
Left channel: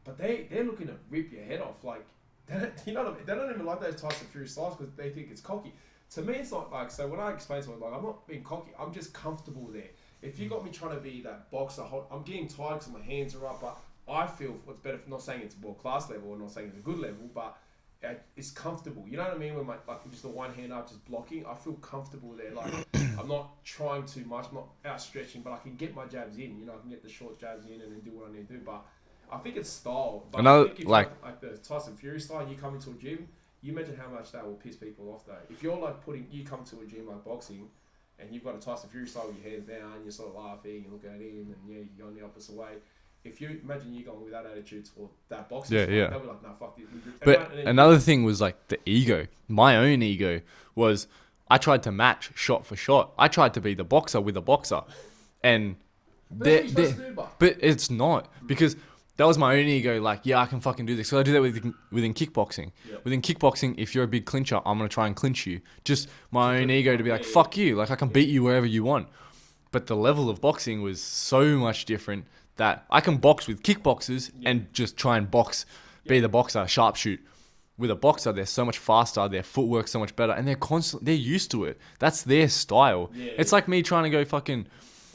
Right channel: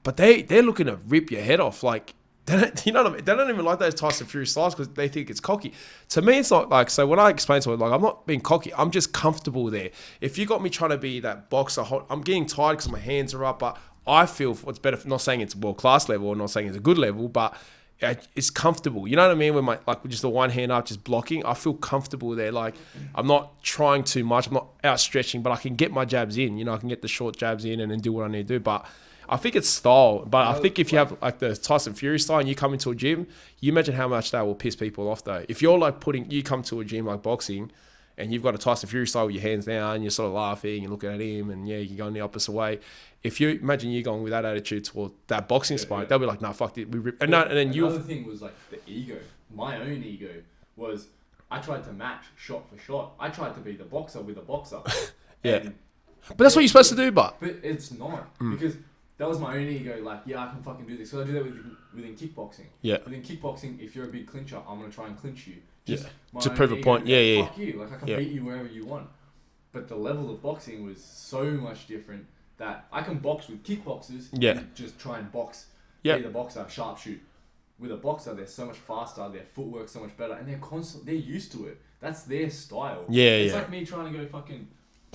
But they're looking to rip your head off. Like they don't, you know what I mean? They don't even like those Tyson Fury styles because they think it's cocky. To me, it's not like. So when I explain to them, like I'm not being cocky. I'm just comfortable there. If you got me trying to be that boxer, I'm getting tired because my hands are up, but I feel what's better. Not saying it's world class level, or not saying it's a good level, but it's comfortable. You know what I mean? When just the one hand up, just blocking, I feel comfortable there. Like I'm not trying too much. I'm not outstretching, but I can get my jabs in. You know, I can get the short jabs in and then do what I need to do. But I think it's style. But I think if you have like the Tyson Fury style and you come into a gym, you imagine how much that will piss people off though. If you're like you come to a gym like boxing and you've got a Tyson Fury style with your hands down, you're sort of laughing, you're looking at him and yeah, you're going the opposite way. If you imagine you going with that attitude toward that boxing spot, they'll be like, "No, fuck it." Another thing was like the ego. My own ego was I tried to match shot for shot. I tried to be the boxer with a boxer, and but that's what you're supposed to do. But it's not because that was my own ego. Like, yeah, I can fucking do this. So I do that within kickboxing. Yeah. Within kickboxing, if you're a big clincher, I'm gonna try and clinch you. Just my To own prove a ego point. to be like, fuck you. Like I can Yeah. beat you wherever you want. But the level of boxing was so much different that I can box with kickboxers and just try and box, be the boxer, sharpshoot. With a boxer, they're so much faster, their footwork's so much better, and they're used to it. That's their style. Yeah, it's like me trying to go fucking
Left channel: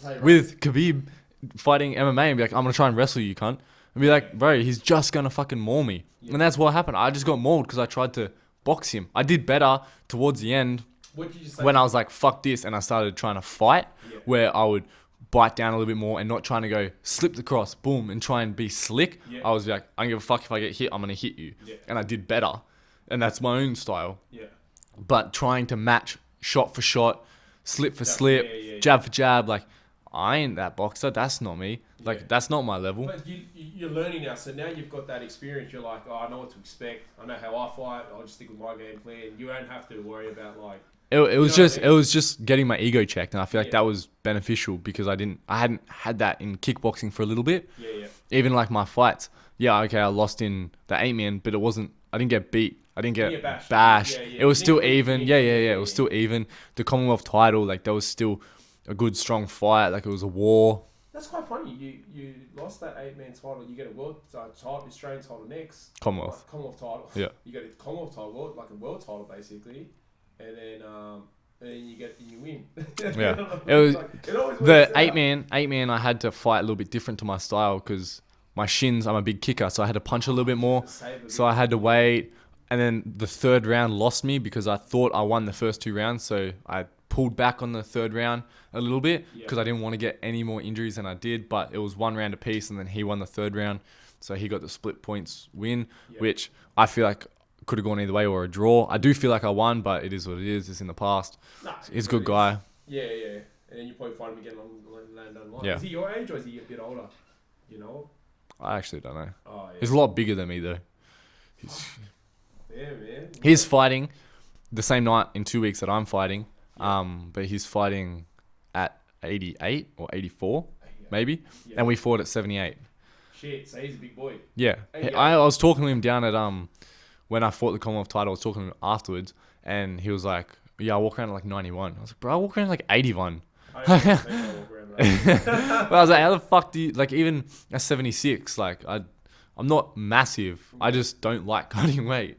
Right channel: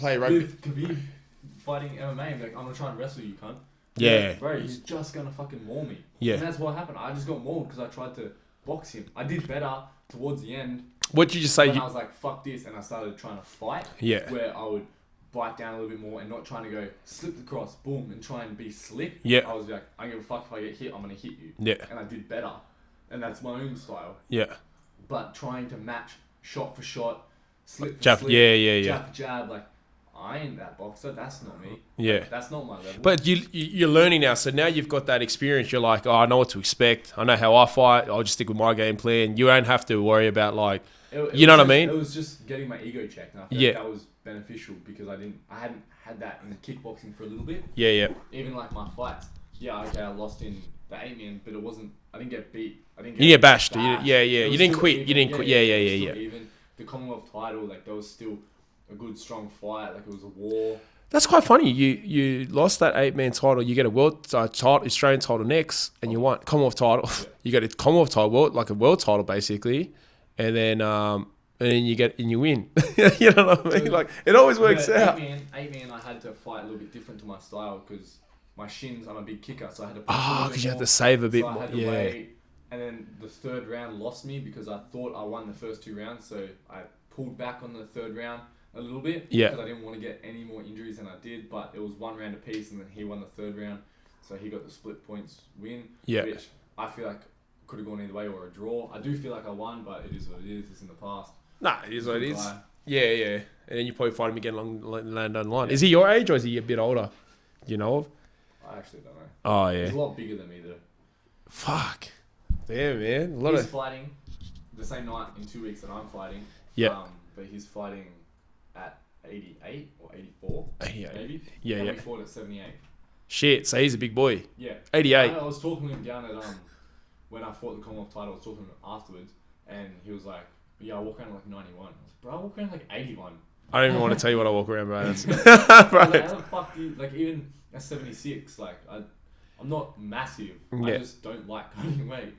with Khabib fighting MMA and be like, I'm gonna try and wrestle you, cunt. Be like, bro, he's just gonna fucking maul me. Yeah. And that's what happened. I just got mauled because I tried to box him. I did better towards the end. what did you just say? When I was like, fuck this, and I started trying to fight. Yeah. Where I would bite down a little bit more and not trying to go slip the cross, boom, and try and be slick. Yeah. I was like, I don't give a fuck if I get hit, I'm gonna hit you. Yeah. And I did better. And that's my own style. yeah. But trying to match shot for shot, slip for Jab- slip, yeah. jab for jab, like I ain't that boxer. That's not me. Like, Yeah. that's not my level. But you're learning now. So now you've got that experience. You're like, oh, I know what to expect. I know how I fight. I'll just stick with my game plan. You don't have to worry about like, It you know what I mean? It was just getting my ego checked, and I feel like Yeah. that was beneficial because I hadn't had that in kickboxing for a little bit. yeah. Even like my fights. Yeah, okay, I lost in the 8-man, but I didn't get beat. I didn't get You get bashed. Yeah. It was You didn't still quit. You even. didn't Yeah, quit. it was Yeah, still yeah. even. The Commonwealth title, like that was still a good, strong fight. Like it was a war. That's quite funny. You lost that 8-man title. You get a world title, Australian title next, and you won Commonwealth title. Yeah. You get a Commonwealth title, like a world title basically, and then you win. You know what I mean? It always works The out. 8-man, I had to fight a little bit different to my style because my shins, I'm a big kicker, so I had to punch a little bit You more. had to save a bit. So I had to wait. And then the third round lost me because I thought I won the first 2 rounds. So I pulled back on the third round a little bit because I didn't want to get any more injuries than I did. But it was 1 round apiece, and then he won the third round. So he got the split points win, which I feel like could have gone either way or a draw. I do feel like I won, but it is what it is. It's in the past. Nah, he's a good guy. Yeah. And then you probably find him again down the line. Yeah. Is he your age or is he a bit older? You know? I actually don't know. Oh, yeah. He's a lot bigger than me, though. Fuck. Damn, man. He's fighting the same night in 2 weeks that I'm fighting. Yeah. But he's fighting at 88 or 84, 88. maybe. Yeah. And we fought at 78. Shit. So he's a big boy. Yeah. 88. I was talking to him down at when I fought the Commonwealth title. I was talking to him afterwards, and he was like, "Yeah, I walk around at like 91." I was like, "Bro, I walk around at like 81." I don't even want to tell you what I walk around, bro. But I was like, "How the fuck do you like even at 76? Like I'm not massive. I just don't like cutting weight."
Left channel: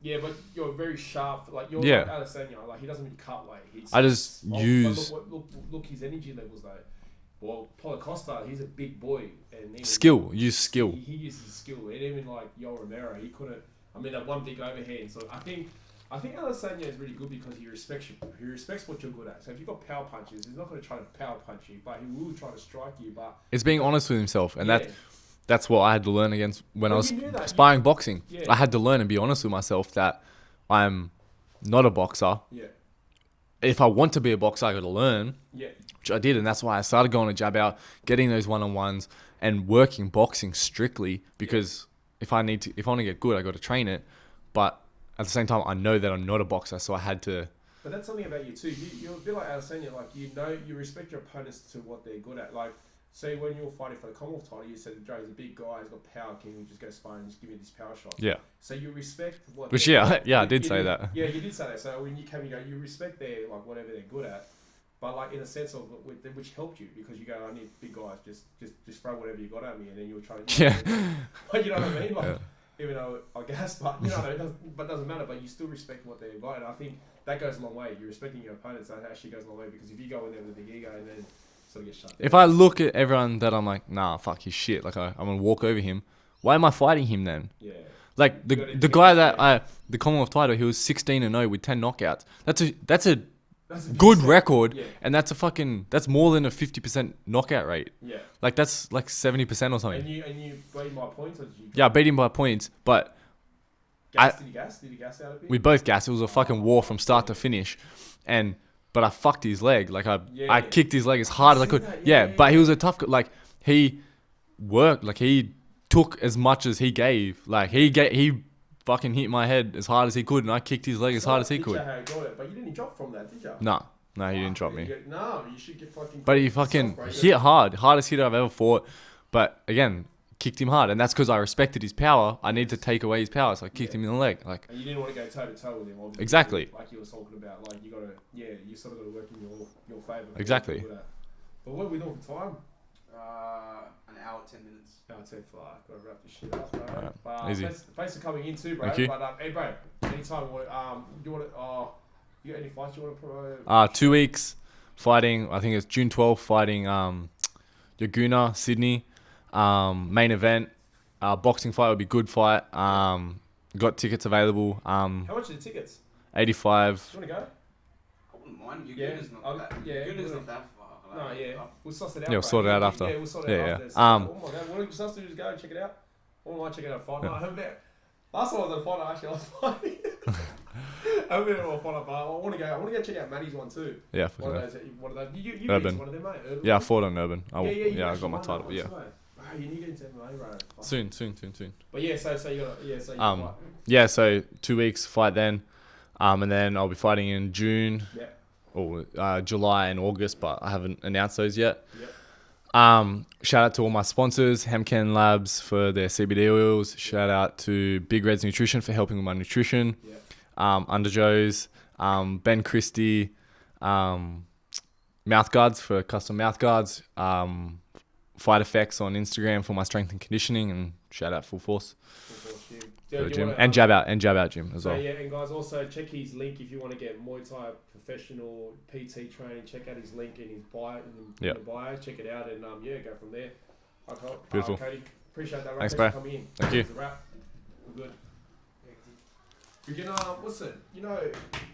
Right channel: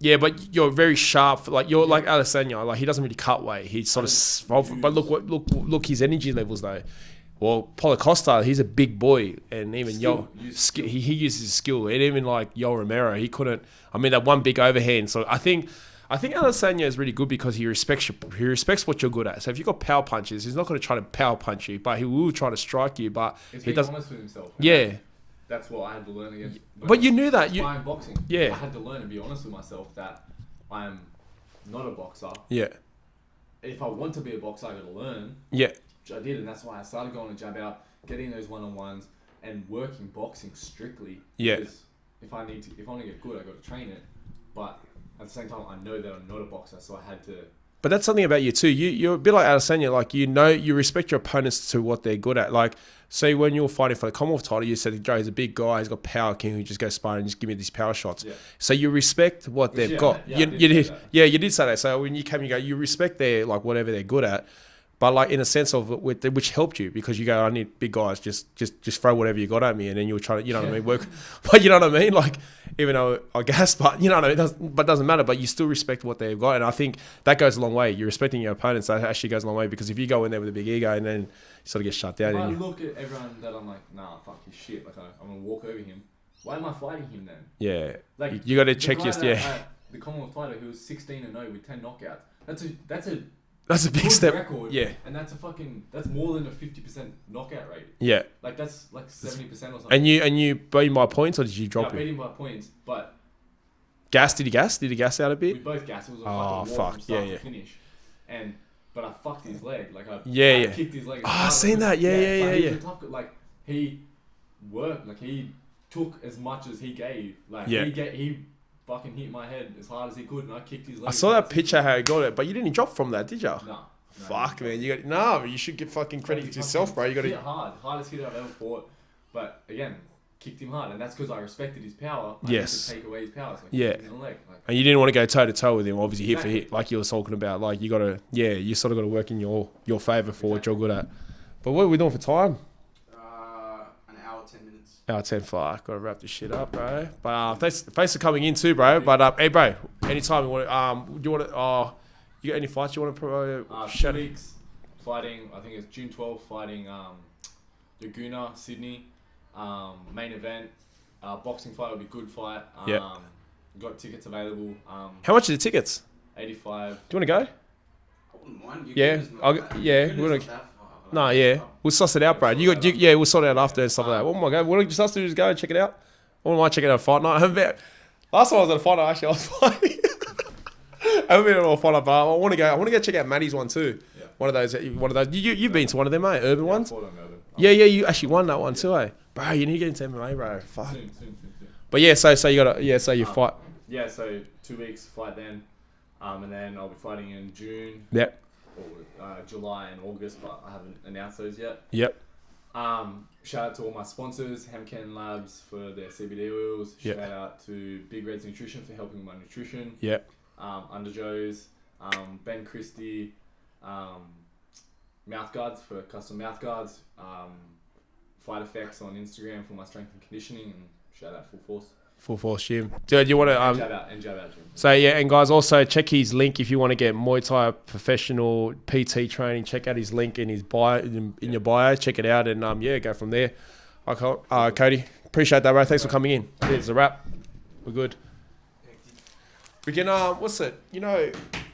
Yeah, but you're very sharp. Like you're Yeah. like Adesanya. Like he doesn't really cut weight. He's I just but use- look his energy levels though. Well, Paulo Costa, he's a big boy, and even Use skill. He uses skill, and even like Yoel Romero, he couldn't. I mean, that one big overhand. So I think Adesanya is really good because he respects what you're good at. So if you've got power punches, he's not going to try to power punch you, but he will try to strike you. But It's being honest with himself. And yeah. that's what I had to learn against when But I was you knew that. sparring boxing. Yeah. I had to learn and be honest with myself that I'm not a boxer. Yeah. If I want to be a boxer, I got to learn, Yeah. which I did. And that's why I started going to jab out, getting those one-on-ones and working boxing strictly. Because if I want to get good, I got to train it. But at the same time, I know that I'm not a boxer. So I had to. But that's something about you too. You're a bit like Adesanya. Like, you respect your opponents to what they're good at. Like, say when you were fighting for the Commonwealth title, you said, Joe, he's a big guy. He's got power. Can you just go sparring and just give me these power shots? Yeah. So you respect what they've got. Yeah, I did say that. Yeah, you did say that. So when you came, you go, you respect their, like, whatever they're good at. But like in a sense of which helped you because you go, I need big guys. Just throw whatever you got at me, and then you were trying to, what I mean, work. But you know what I mean, like. Even though I guess, but you know what I mean, but it doesn't matter. But you still respect what they've got, and I think that goes a long way. You're respecting your opponents. That actually goes a long way because if you go in there with a big ego and then you sort of get shut down. If I look at everyone that I'm like, nah, fuck his shit. Like I'm gonna walk over him. Why am I fighting him then? Yeah, like you got to the guy that the Commonwealth title, he was 16-0 with 10 knockouts. That's a big good step. record. Yeah, and that's more than a 50% knockout rate. Yeah, like that's like 70% or something. And you beat him by points or did you drop? Yeah, I beat him by points, but. Did he gas? Did he gas out a bit? We both gassed. It was a fucking war from start to finish. But I fucked his leg. Like I kicked his leg as hard as I could. But he was a tough guy. Like he worked. Like he took as much as he gave. Like he fucking hit my head as hard as he could, and I kicked his leg as hard as he could. I saw that picture how he got it, but you didn't drop from that, did you? No, he didn't drop me. You should get fucking. But he fucking hit hard. Hardest hitter I've ever fought. But again, kicked him hard, and that's because I respected his power. I need to take away his power, so I kicked him in the leg. Like, and you didn't want to go toe to toe with him, obviously. Exactly, hit for hit, like you were talking about. Like you gotta, you sort of got to work in your favor for what you're good at. But what are we doing for time? An hour 10 minutes. Hour 10. Fuck, gotta wrap this shit up, bro. But Easy. thanks for coming in too, bro. But hey, bro, anytime you want, do you want to? You got any fights you want to promote? 2 weeks fighting. I think it's June 12th. Fighting Laguna, Sydney. Main event. Boxing fight would be good fight. Got tickets available. How much are the tickets? 85. Do you want to go? I wouldn't mind. We'll suss it out, bro. We'll sort it out after. So oh my god, what just us to just go and check it out? I wouldn't mind checking out a fight night. Last time I was at a fight night, actually, I was fighting. I haven't been at a fight night, but I want to go check out Maddie's one too. Yeah, one of those. You've been to one of them, mate. Urban ones. I fought on Urban. You actually won that one too, eh? Bro, you need to get into MMA, bro. Fuck. Soon. But so you got so you fight. Yeah, so 2 weeks fight then, and then I'll be fighting in June. Yep. Or July and August, but I haven't announced those yet. Yep. Shout out to all my sponsors, Hemken Labs for their CBD oils. Yep. Shout out to Big Red's Nutrition for helping with my nutrition. Yep. Under Joe's, Ben Christie, mouth guards for custom mouth guards. Fight Effects on Instagram for my strength and conditioning, and shout out Full Force Gym. Dude, you want to and Jab Out Gym. So and guys, also check his link if you want to get Muay Thai professional PT training. Check out his link in his bio in your bio. Check it out and go from there. Cody, Appreciate that, bro. Thanks for bro. coming in. Thank you. It's a wrap. We're good. We can, what's it? You know,